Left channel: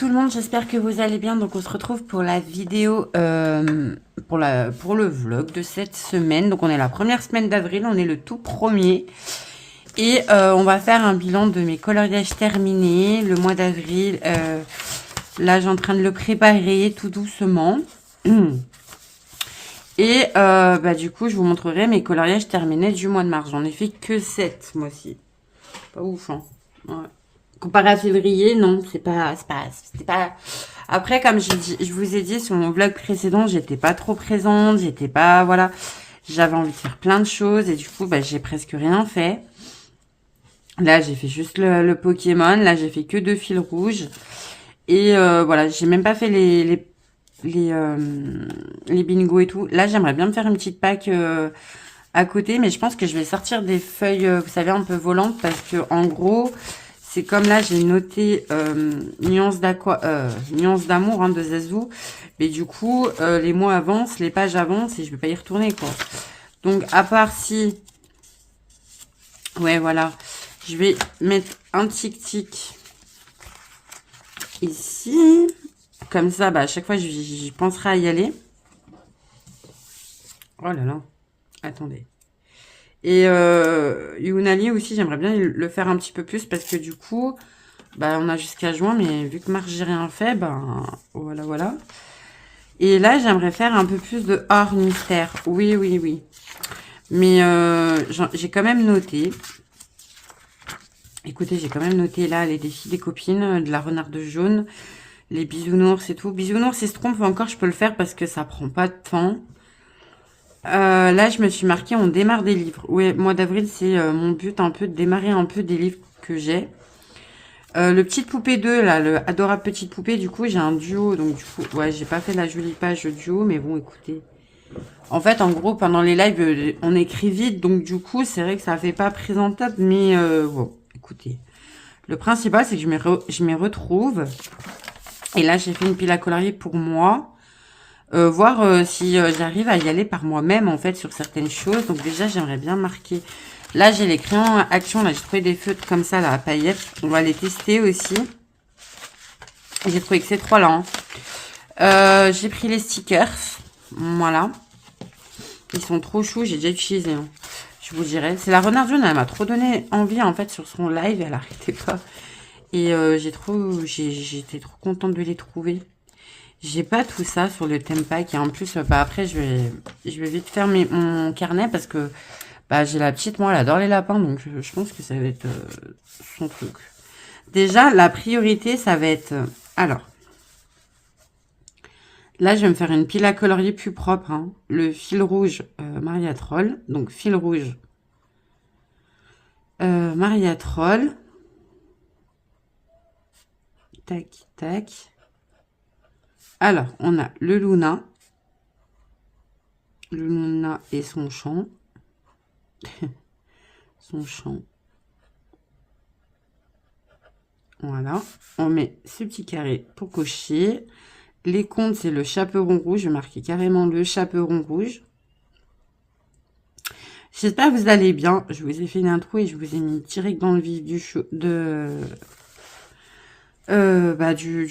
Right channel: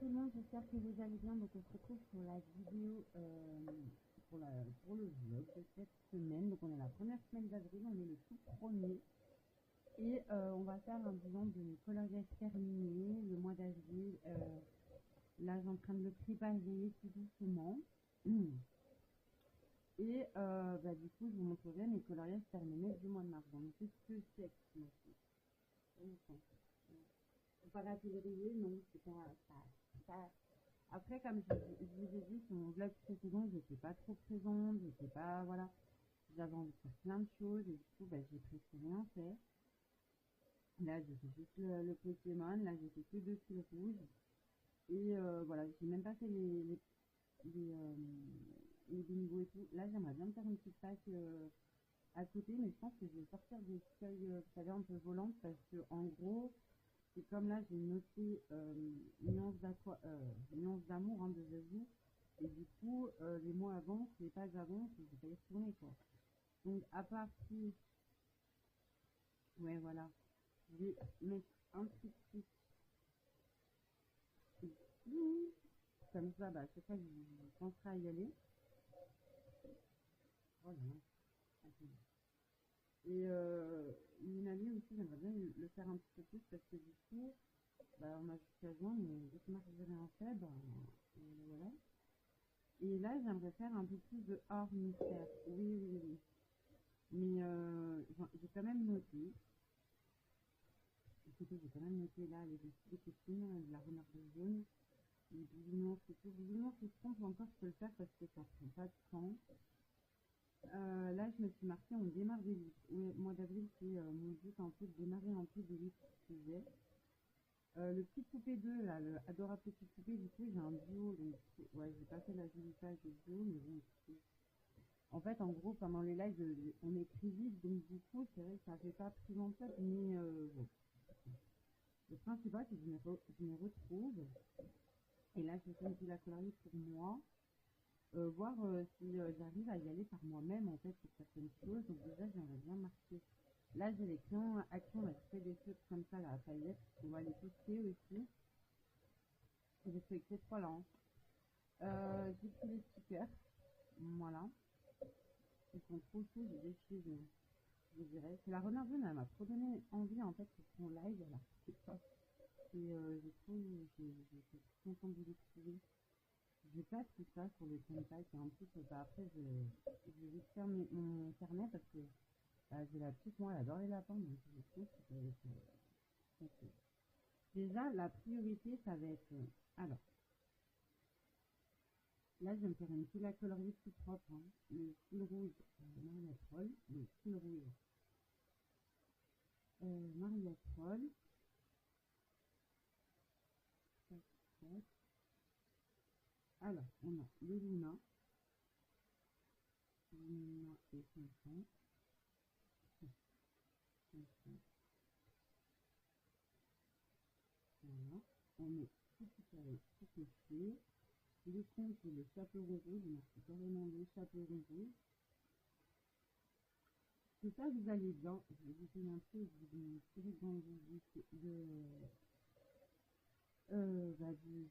tout le monde, j'espère que vous allez bien. Donc on se retrouve pour la vidéo, pour le vlog de cette semaine. Donc on est la première semaine d'avril, on est le tout premier. Et on va faire un bilan de mes coloriages terminés, le mois d'avril. Là j'ai en train de le préparer tout doucement. Et du coup je vous montrerai mes coloriages terminés du mois de mars. J'en ai fait que 7 moi-ci. Pas ouf, hein. Ouais. Comparé à février, non, c'était pas. Après, comme je vous ai dit sur mon vlog précédent, j'étais pas trop présente, j'étais pas, voilà, j'avais envie de faire plein de choses et du coup, j'ai presque rien fait. Là, j'ai fait juste le Pokémon, là, j'ai fait que 2 fils rouges et voilà, j'ai même pas fait les bingos et tout. Là, j'aimerais bien me faire une petite pack à côté, mais je pense que je vais sortir des feuilles, vous savez, un peu volantes parce que en gros. C'est comme là, j'ai noté nuance d'amour, hein, de Zazou. Mais du coup, les mots avancent, les pages avancent et je vais pas y retourner, quoi. Donc, à part si... Ouais, voilà. Je vais mettre un tic-tic ici. Comme ça, à chaque fois, j'y penserai à y aller. Oh là là. Attendez. Et Younali aussi, j'aimerais bien le faire un petit peu plus parce que du coup... on a jusqu'à juin, mais vu que mars, j'ai rien fait, voilà, voilà. Et là, j'aimerais faire un peu plus de hors mystère. Oui, oui, oui. Mais j'ai quand même noté. Écoutez, j'ai quand même noté là les défis des copines, de la renarde jaune, les bisounours et tout. Bisounours et Schtroumpf, encore, je peux le faire parce que ça prend pas de temps. Là, je me suis marqué, on démarre des livres. Oui, mois d'avril, c'est mon but un peu de démarrer un peu des livres que j'ai. Le Petite Poupée 2, là, le Adorable Petite Poupée, du coup, j'ai un duo. Donc, du coup, ouais, j'ai pas fait la jolie page duo, mais bon, écoutez. En fait, en gros, pendant les lives, on écrit vite. Donc, du coup, c'est vrai que ça fait pas présentable. Mais bon, écoutez. Le principal, c'est que je m'y retrouve. Et là, j'ai fait une pile à colorier pour moi. Voir si j'arrive à y aller par moi-même, en fait, sur certaines choses. Donc, déjà, j'aimerais bien marquer. Là, j'ai les crayons à action. Là, j'ai trouvé des feutres comme ça, là, à paillettes. On va les tester aussi. J'ai trouvé que ces trois-là. Hein. J'ai pris les stickers. Voilà. Ils sont trop choux. J'ai déjà utilisé. Hein. Je vous dirai. C'est la renarde jaune. Elle m'a trop donné envie, en fait, sur son live. Elle arrêtait pas. Et j'étais trop contente de les trouver. J'ai pas tout ça sur le thème pack. Et en plus, après, je vais vite faire mon carnet parce que j'ai la petite. Moi, elle adore les lapins. Donc, je pense que ça va être son truc. Déjà, la priorité, ça va être... alors, là, je vais me faire une pile à colorier plus propre. Hein. Le fil rouge Maria Troll. Donc, fil rouge Maria Troll. Tac, tac. Alors, on a le Luna. Le Luna et son champ. Son champ. Voilà. On met ce petit carré pour cocher. Les comptes, c'est le chaperon rouge. Je vais marquer carrément le chaperon rouge. J'espère que vous allez bien. Je vous ai fait une intro et je vous ai mis direct dans le vif du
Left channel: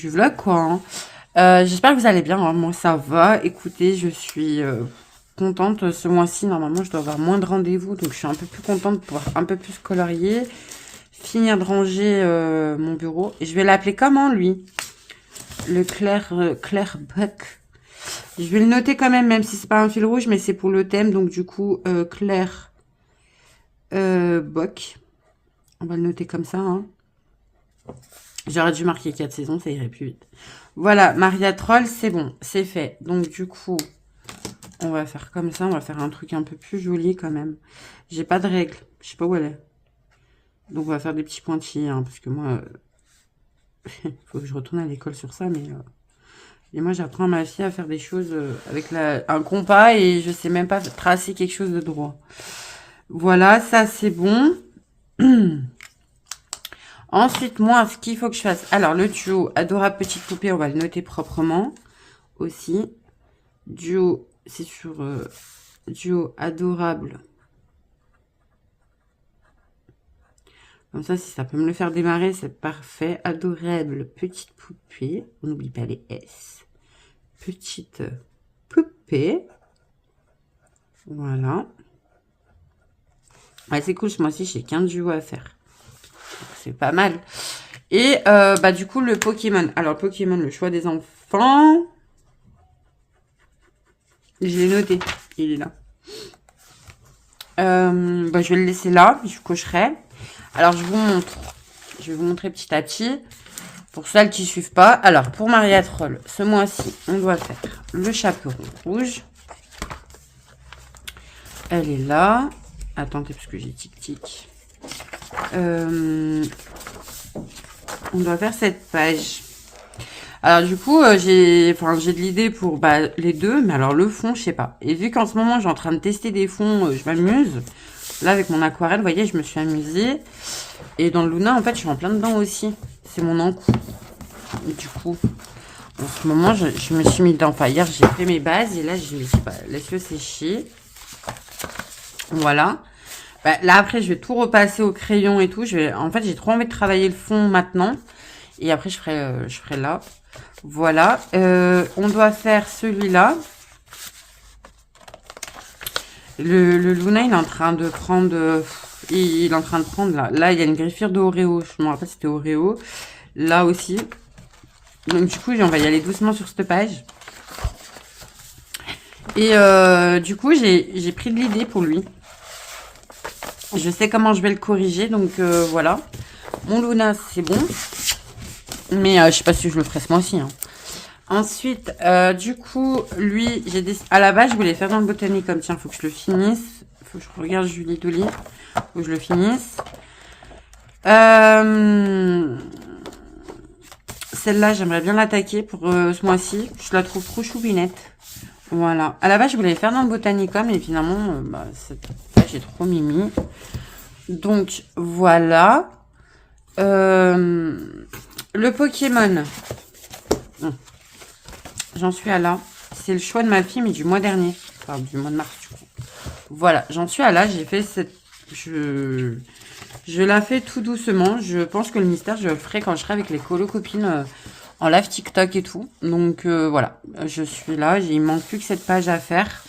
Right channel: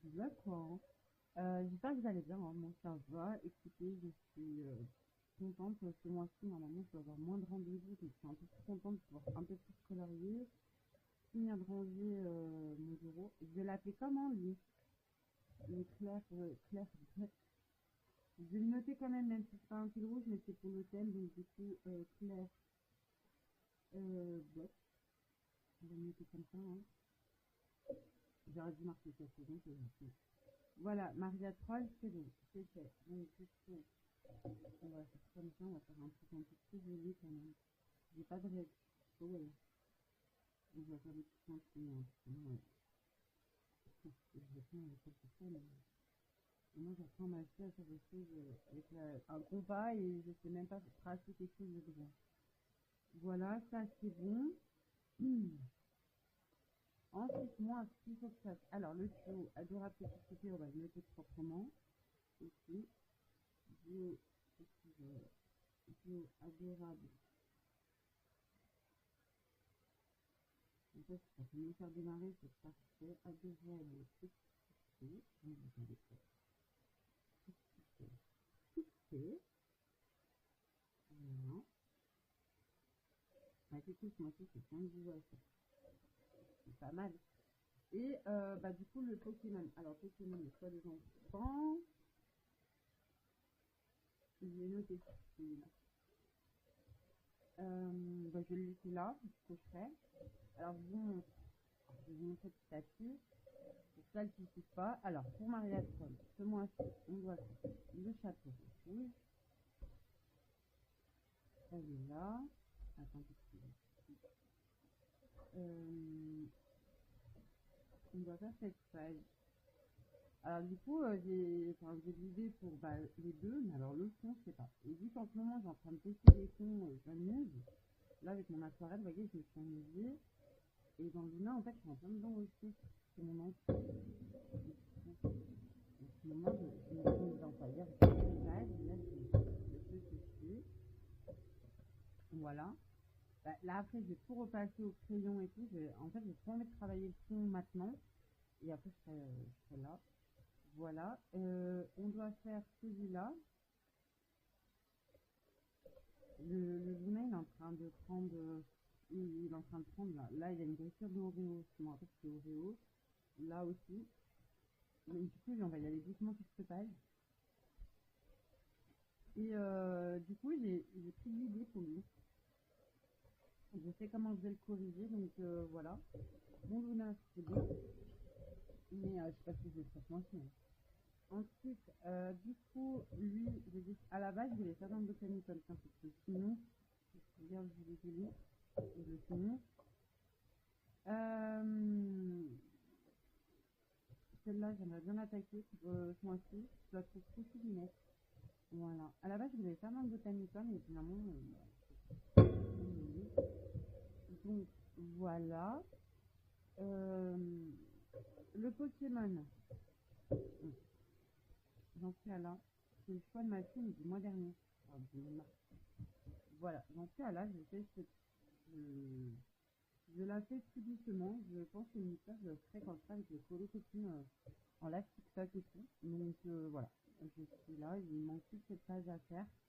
vlog, quoi. Hein. J'espère que vous allez bien. Hein. Moi, ça va. Écoutez, je suis contente. Ce mois-ci, normalement, je dois avoir moins de rendez-vous. Donc, je suis un peu plus contente de pouvoir un peu plus colorier. Finir de ranger mon bureau. Et je vais l'appeler comment, lui? Le Claire Buck. Je vais le noter quand même si c'est pas un fil rouge, mais c'est pour le thème. Donc, du coup, Claire Buck. On va le noter comme ça. Hein. J'aurais dû marquer 4 saisons, ça irait plus vite. Voilà, Maria Troll, c'est bon, c'est fait. Donc, du coup, on va faire comme ça. On va faire un truc un peu plus joli quand même. J'ai pas de règle. Je sais pas où elle est. Donc, on va faire des petits pointillés. Hein, parce que moi, il faut que je retourne à l'école sur ça. Mais et moi, j'apprends à ma fille à faire des choses avec un compas. Et je sais même pas tracer quelque chose de droit. Voilà, ça, c'est bon. Ensuite, moi, ce qu'il faut que je fasse... Alors, le duo Adorable Petite Poupée, on va le noter proprement aussi. Duo, c'est sur duo Adorable Comme ça, si ça peut me le faire démarrer, c'est parfait. Adorable petite poupée. On n'oublie pas les S. Petite poupée. Voilà. Ouais, c'est cool, moi aussi, j'ai 15 duos à faire. C'est pas mal. Et bah du coup, le Pokémon. Alors, le Pokémon, le choix des enfants. Je l'ai noté. Il est là. Bah, je vais le laisser là. Je cocherai. Alors, je vous montre. Je vais vous montrer petit à petit. Pour celles qui ne suivent pas. Alors, pour Maria Troll, ce mois-ci, on doit faire le chaperon rouge. Elle est là. Attendez, parce que j'ai tic-tic. On doit faire cette page. Alors du coup, j'ai de l'idée pour les deux, mais alors le fond, je sais pas. Et vu qu'en ce moment, je suis en train de tester des fonds, je m'amuse. Là, avec mon aquarelle, vous voyez, je me suis amusée. Et dans le Luna, en fait, je suis en plein dedans aussi. C'est mon encou. Du coup, en ce moment, je me suis mis dedans. Enfin, hier, j'ai fait mes bases et là, je me suis dit, bah, laisse-le sécher. Voilà. Bah, là, après, je vais tout repasser au crayon et tout. En fait, j'ai trop envie de travailler le fond maintenant. Et après, je ferai là. Voilà. On doit faire celui-là. Le Luna, il est en train de prendre... il est en train de prendre là. Là, il y a une griffière de Oreo. Je me rappelle, c'était Oreo. Là aussi. Donc, du coup, on va y aller doucement sur cette page. Et du coup, j'ai pris de l'idée pour lui. Je sais comment je vais le corriger. Donc, voilà. Mon Luna, c'est bon. Mais je sais pas si je le ferai ce mois-ci. Hein. Ensuite, du coup, lui, à la base, je voulais faire dans le Botanicum. Tiens, faut que je le finisse. Faut que je regarde Julie Dolly. Faut que je le finisse. Celle-là, j'aimerais bien l'attaquer pour ce mois-ci. Je la trouve trop choupinette. Voilà. À la base, je voulais faire dans le Botanicum. Et finalement, j'ai trop mimi. Donc, voilà. Le Pokémon. J'en suis à là. C'est le choix de ma fille, mais du mois dernier. Enfin, du mois de mars, du coup. Voilà, j'en suis à là. J'ai fait cette... Je la fais tout doucement. Je pense que le mystère, je le ferai quand je serai avec les colo-copines en live TikTok et tout. Donc, voilà. Je suis là. Il manque plus que cette page à faire.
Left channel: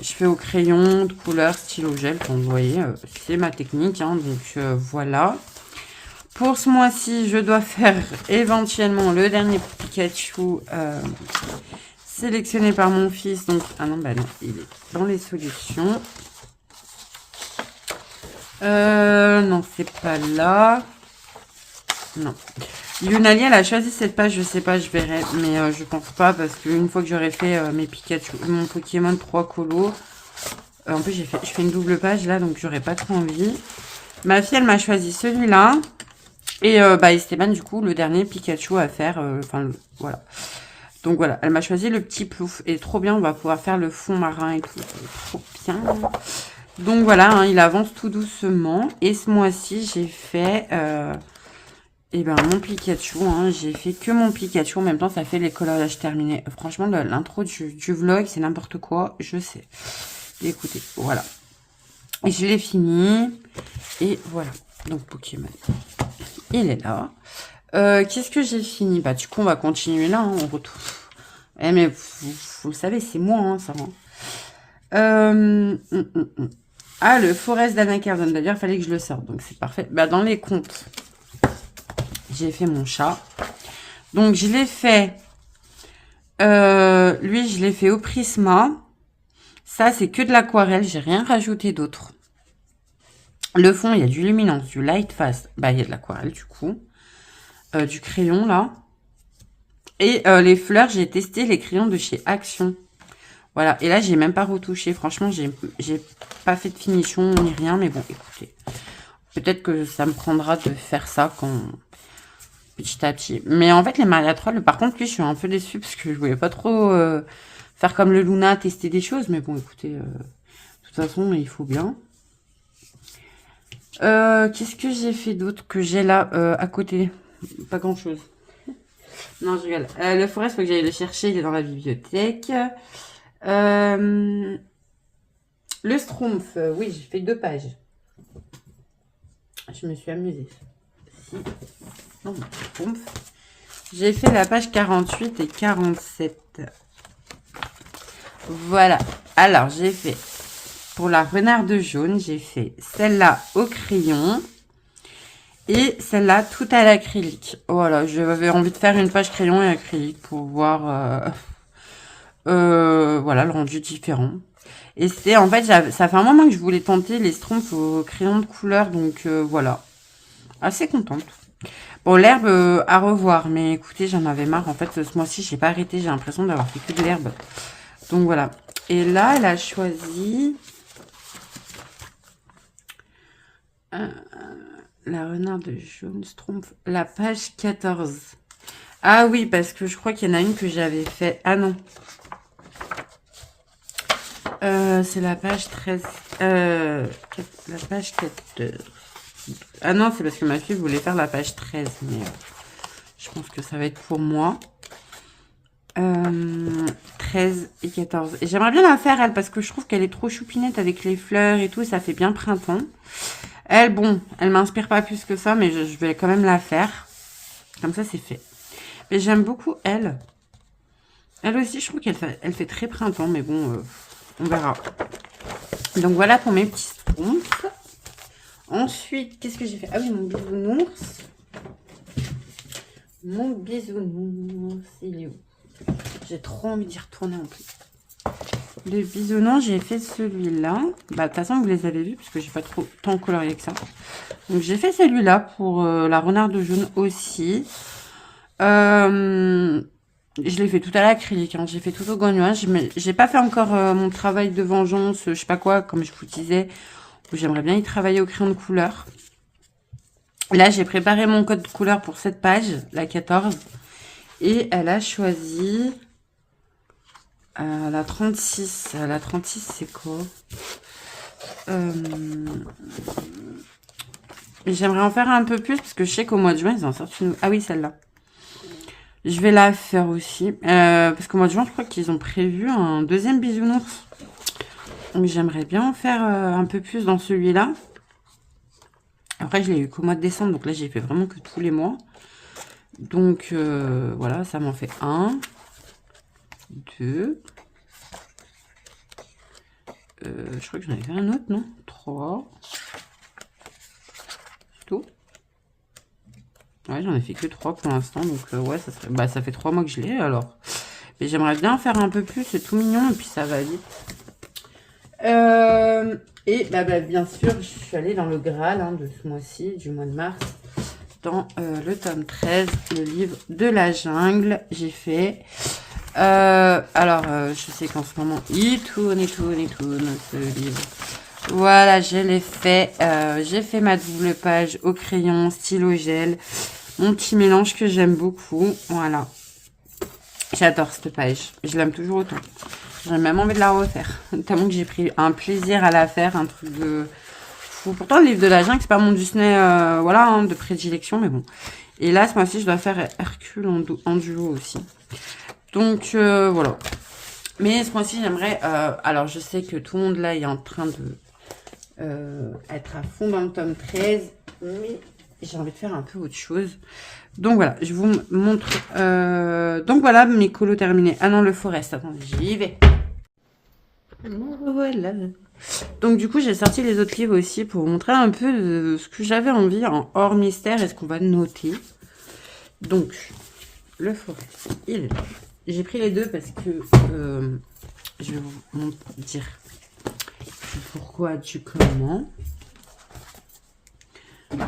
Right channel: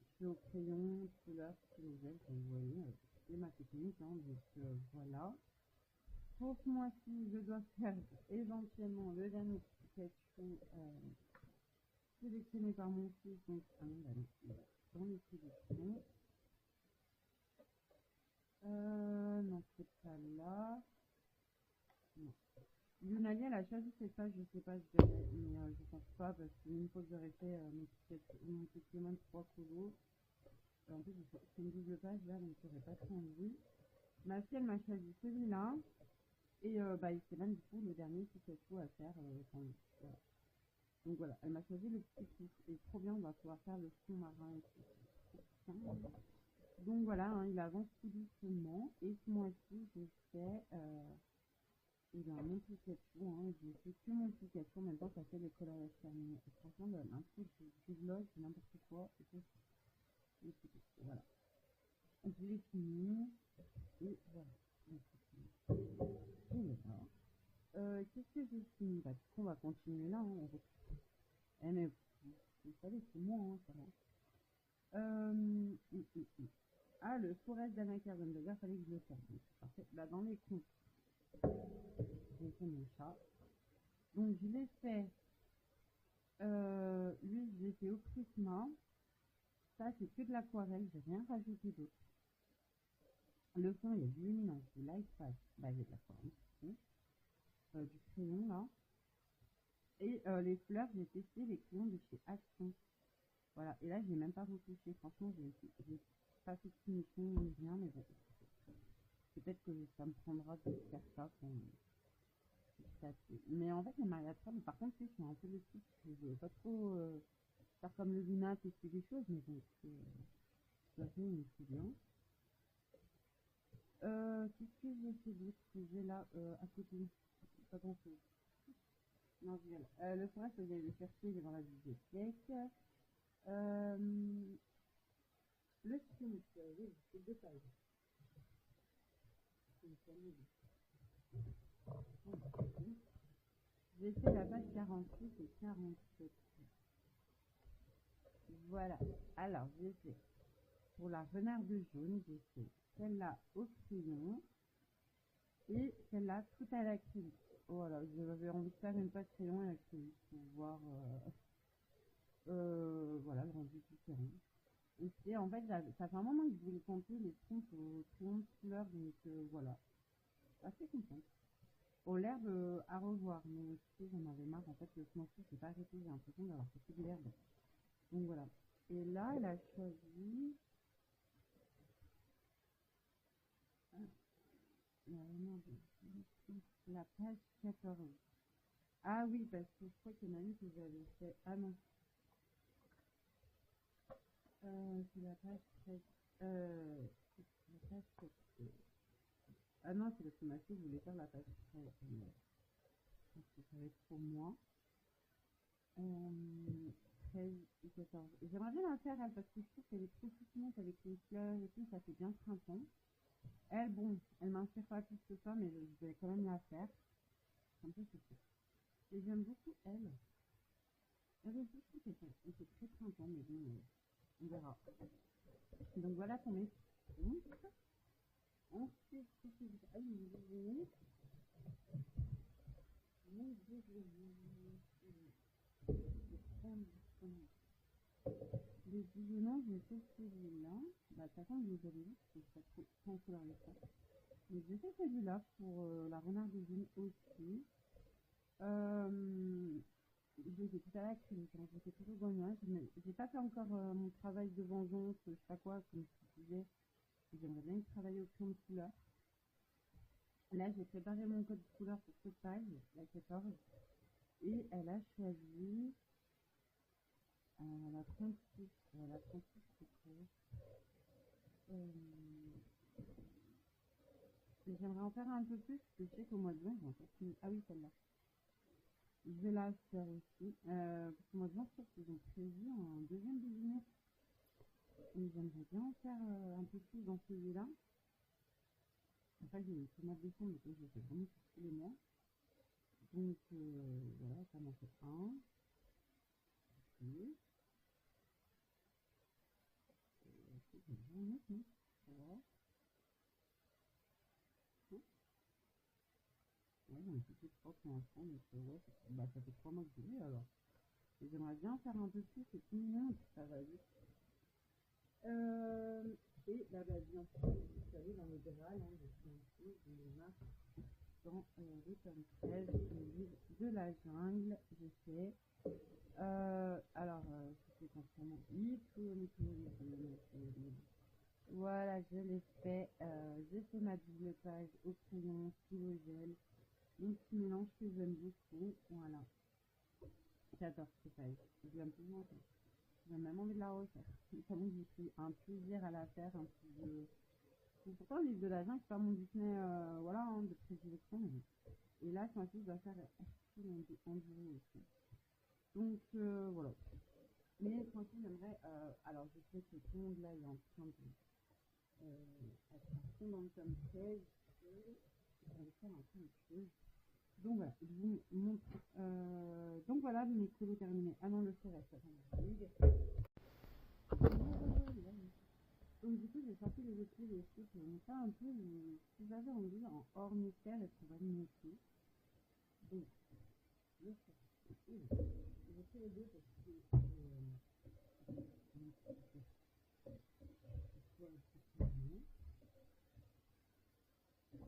Je fais au crayon, de couleur, stylo gel. Comme vous voyez, c'est ma technique. Hein, donc, voilà. Pour ce mois-ci, je dois faire éventuellement le dernier Pikachu sélectionné par mon fils. Donc, ah non, bah non, il est dans les solutions. Non, c'est pas là. Non. Lunali, elle a choisi cette page, je sais pas, je verrai. Mais je pense pas parce qu'une fois que j'aurai fait mes Pikachu, mon Pokémon 3 colos, en plus, je fais une double page là, donc j'aurais pas trop envie. Ma fille, elle m'a choisi celui-là. Et Esteban, du coup, le dernier Pikachu à faire. Voilà. Donc voilà, elle m'a choisi le petit plouf. Et trop bien, on va pouvoir faire le fond marin et tout. Trop bien. Donc voilà, hein, il avance tout doucement. Et ce mois-ci, j'ai fait mon Pikachu. Hein, j'ai fait que mon Pikachu. En même temps, ça fait les coloriages terminés. Franchement, l'intro du vlog, c'est n'importe quoi. Je sais. Écoutez, voilà. Et je l'ai fini. Et voilà. Donc Pokémon. Il est là. Qu'est-ce que j'ai fini? Bah, du coup, on va continuer là. Hein, on retrouve. Eh, mais vous le savez, c'est moi, hein, ça. Hein. Ah, le Forest d'Anacardon. D'ailleurs, il fallait que je le sorte. Donc, c'est parfait. Bah, dans les comptes, j'ai fait mon chat. Donc, je l'ai fait. Lui, je l'ai fait au Prisma. Ça, c'est que de l'aquarelle. J'ai rien rajouté d'autre. Le fond, il y a du luminance, du light fast. Bah, il y a de l'aquarelle, du coup. Du crayon, là. Et les fleurs, j'ai testé les crayons de chez Action. Voilà. Et là, j'ai même pas retouché. Franchement, j'ai pas fait de finition ni rien. Mais bon, écoutez. Peut-être que ça me prendra de faire ça petit à petit. Mais en fait, les Maria Troll, par contre, lui, je suis un peu déçue parce que je voulais pas trop faire comme le Luna, tester des choses. Mais bon, écoutez, de toute façon, il faut bien. Qu'est-ce que j'ai fait d'autre que j'ai là à côté? Pas grand-chose. Non, je rigole. Le forest, il faut que j'aille le chercher. Il est dans la bibliothèque. Le Schtroumpf. Oui, j'ai fait 2 pages. Je je me suis amusée. Si. Non, j'ai fait la page 48 et 47. Voilà. Alors, j'ai fait, pour la renarde jaune, j'ai fait celle-là au crayon. Et celle-là, tout à l'acrylique. Voilà, j'avais envie de faire une page crayon et acrylique pour voir voilà, le rendu différent. Et c'est en fait, ça fait un moment que je voulais tenter les schtroumpfs au crayon de couleur, donc voilà. Assez contente. Bon, l'herbe à revoir, mais écoutez, j'en avais marre. En fait, ce mois-ci, j'ai pas arrêté, j'ai l'impression d'avoir fait que de l'herbe. Donc voilà. Et là, elle a choisi la renarde jaune schtroumpf, la page 14. Ah oui, parce que je crois qu'il y en a une que j'avais fait. Ah non. C'est la page 13. La page 14. Ah non, c'est parce que ma fille voulait faire la page 13. Mais je pense que ça va être pour moi. 13 et 14. Et j'aimerais bien la faire, elle, parce que je trouve qu'elle est trop choupinette avec les fleurs et tout. Ça fait bien printemps. Elle, bon, elle m'inspire pas plus que ça, mais je vais quand même la faire. Comme ça, c'est fait. Mais j'aime beaucoup elle. Elle aussi, je trouve elle fait très printemps, mais bon, on verra. Donc voilà pour mes petits schtroumpfs. Ensuite, qu'est-ce que j'ai fait? Ah oui, mon bisounours. Mon bisounours, il est où? J'ai trop envie d'y retourner en plus. Le bisounours, j'ai fait celui-là. Bah, de toute façon, vous les avez vus, parce que j'ai pas trop tant colorié que ça. Donc, j'ai fait celui-là pour la renarde jaune aussi. Je l'ai fait tout à l'acrylique, hein. J'ai fait tout au gouache, mais j'ai pas fait encore mon travail de vengeance, je sais pas quoi, comme je vous disais, où j'aimerais bien y travailler au crayon de couleur. Là, j'ai préparé mon code de couleur pour cette page, la 14, et elle a choisi la 36. La 36, c'est quoi? J'aimerais en faire un peu plus, parce que je sais qu'au mois de juin, ils en sortent une... Ah oui, celle-là. Je vais la faire aussi. Parce qu'au mois de juin, je crois qu'ils ont prévu un deuxième bisounours. Donc j'aimerais bien en faire un peu plus dans celui-là. Après, je l'ai eu qu'au mois de décembre. Donc là, j'ai fait vraiment que tous les mois. Donc voilà, ça m'en fait 1, 2. Je crois que j'en avais fait un autre, non? 3. C'est tout. Ouais, j'en ai fait que 3 pour l'instant. Donc ouais, ça serait... bah, ça fait 3 mois que je l'ai alors. Mais j'aimerais bien en faire un peu plus. C'est tout mignon et puis ça va vite. Et bien sûr, je suis allée dans le Graal de ce mois-ci, du mois de mars, dans le tome 13, le livre de la jungle. J'ai fait... je sais qu'en ce moment, il tourne, ce livre. Voilà, je l'ai fait. J'ai fait ma double page au crayon, stylo gel. Mon petit mélange que j'aime beaucoup. Voilà. J'adore cette page. Je l'aime toujours autant. J'ai même envie de la refaire. Tellement que j'ai pris un plaisir à la faire. Un truc de fou. Pourtant, le livre de la jungle, c'est pas mon Disney de prédilection. Mais bon. Et là, ce mois-ci, je dois faire Hercule en duo aussi. Donc, voilà. Mais ce mois-ci, j'aimerais... alors, je sais que tout le monde, là, est en train de être à fond dans le tome 13. Mais j'ai envie de faire un peu autre chose. Donc voilà, je vous montre. Donc voilà, mes colos terminés. Ah non, le Forest, attendez, j'y vais. Voilà. Donc du coup, j'ai sorti les autres livres aussi pour vous montrer un peu de ce que j'avais envie en hors mystère et ce qu'on va noter. Donc, le Forest, il est là. J'ai pris les deux parce que je vais vous dire pourquoi, du comment.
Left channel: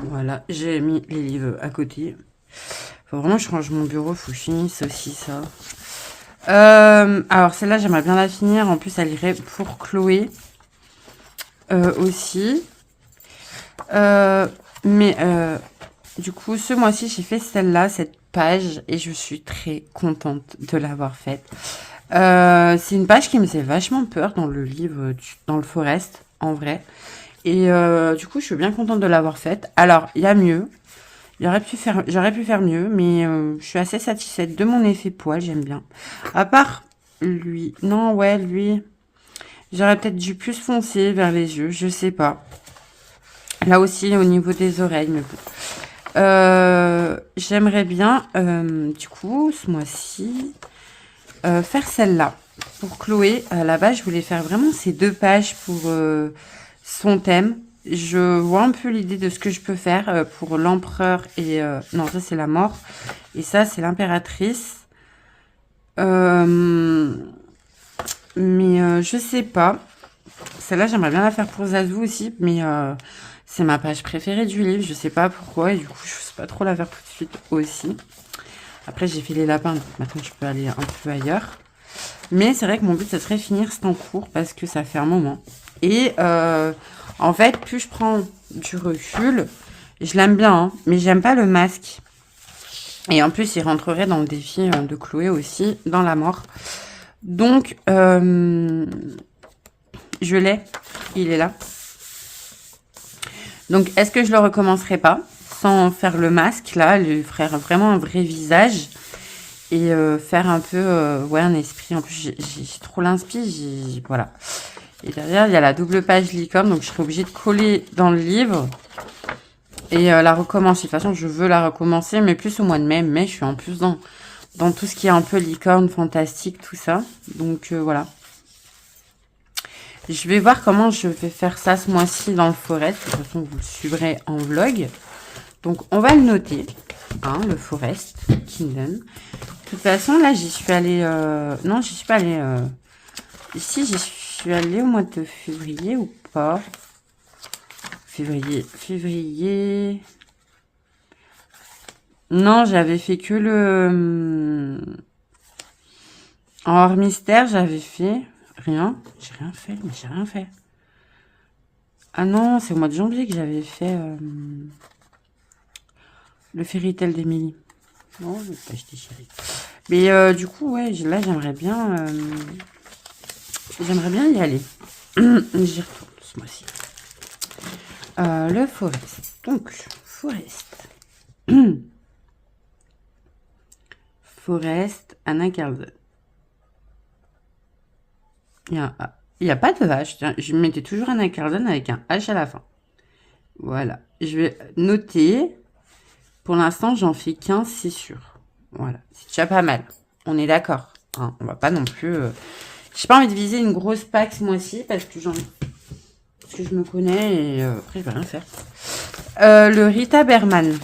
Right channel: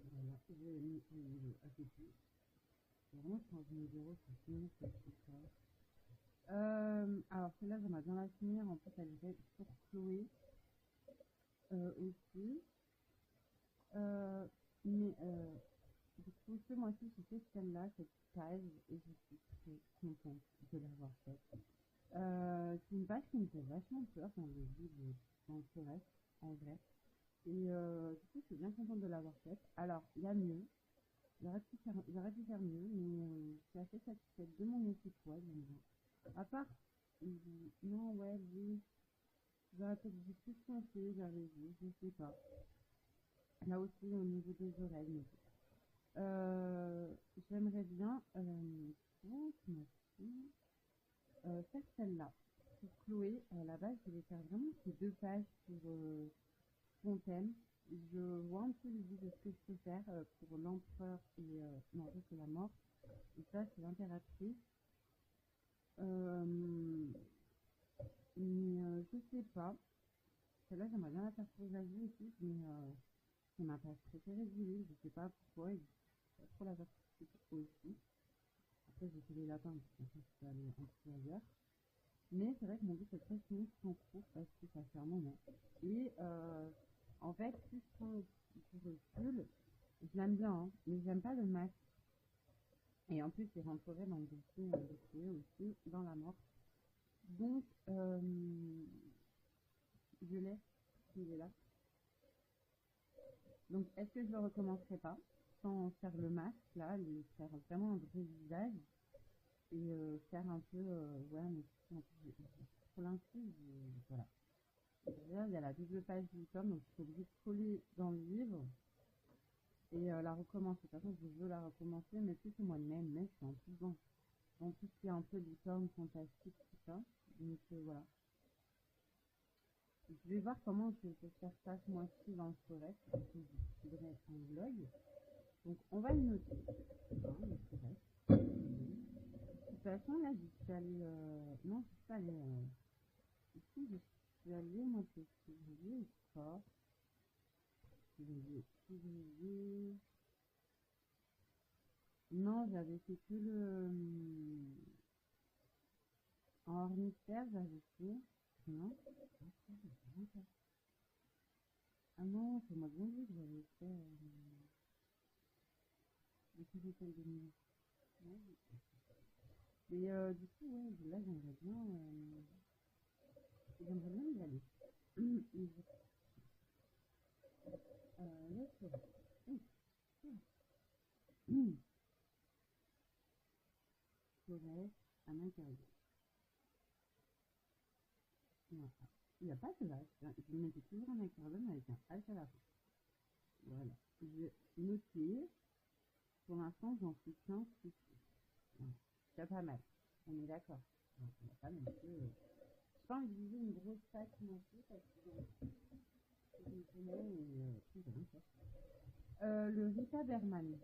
Voilà, j'ai mis les livres à côté. Faut vraiment que je range mon bureau, faut que je finisse aussi ça. Alors celle-là, j'aimerais bien la finir. En plus, elle irait pour Chloé aussi. Du coup, ce mois-ci, j'ai fait celle-là, cette page, et je suis très contente de l'avoir faite. C'est une page qui me faisait vachement peur dans le livre, dans le Forest, en vrai. Et du coup, je suis bien contente de l'avoir faite. Alors, il y a mieux. J'aurais pu faire mieux, mais je suis assez satisfaite de mon effet poil, j'aime bien. À part lui. Non, ouais, lui. J'aurais peut-être dû plus foncer vers les yeux, je sais pas. Là aussi, au niveau des oreilles. Mais bon. J'aimerais bien, du coup, ce mois-ci, faire celle-là. Pour Chloé, à la base, je voulais faire vraiment ces 2 pages pour son thème. Je vois un peu l'idée de ce que je peux faire pour l'empereur et... non, ça, c'est la mort. Et ça, c'est l'impératrice. Mais je sais pas. Celle-là, j'aimerais bien la faire pour Zazou aussi, mais c'est ma page préférée du livre. Je sais pas pourquoi, et du coup, je sais pas trop la faire tout de suite aussi. Après, j'ai fait les lapins, donc maintenant, je peux aller un peu ailleurs. Mais c'est vrai que mon but, ce serait finir cet en cours, parce que ça fait un moment. Et en fait, plus je prends du recul, je l'aime bien, hein, mais j'aime pas le masque. Et en plus, il rentrerait dans le défi de Chloé aussi, dans la mort. Donc, je l'ai. Il est là. Donc, est-ce que je le recommencerai pas sans faire le masque, là, lui faire vraiment un vrai visage et faire un peu, ouais, un esprit. En plus, j'ai trop l'inspi, voilà. Et derrière, il y a la double page licorne, donc je serai obligée de coller dans le livre et la recommencer. De toute façon, je veux la recommencer, mais plus au mois de mai. Mais je suis en plus dans tout ce qui est un peu licorne, fantastique, tout ça. Donc, voilà. Je vais voir comment je vais faire ça ce mois-ci dans le forest. De toute façon, vous le suivrez en vlog. Donc, on va le noter. Hein, le Forest Kingdom. De toute façon, là, j'y suis allée... non, j'y suis pas allée... Ici, j'y suis allée au mois de février ou pas? Février... Non, j'avais fait que le... En hors mystère, j'avais fait... Rien. J'ai rien fait, mais j'ai rien fait. Ah non, c'est au mois de janvier que j'avais fait le Fairy Tail d'Emily. Non, je vais pas acheter chérie. Mais du coup, ouais, là, j'aimerais bien y aller. J'y retourne ce mois-ci. Le Forest. Donc, Forest. Forest, Anna Carlson. Il y a pas de H. Tiens, je mettais toujours Anna Carlson avec un H à la fin. Voilà. Je vais noter. Pour l'instant, j'en fais 15, c'est sûr. Voilà. C'est déjà pas mal. On est d'accord. Hein, on va pas non plus... J'ai pas envie de viser une grosse pack ce mois-ci parce que je me connais et après, je vais rien faire. Le Rita Berman.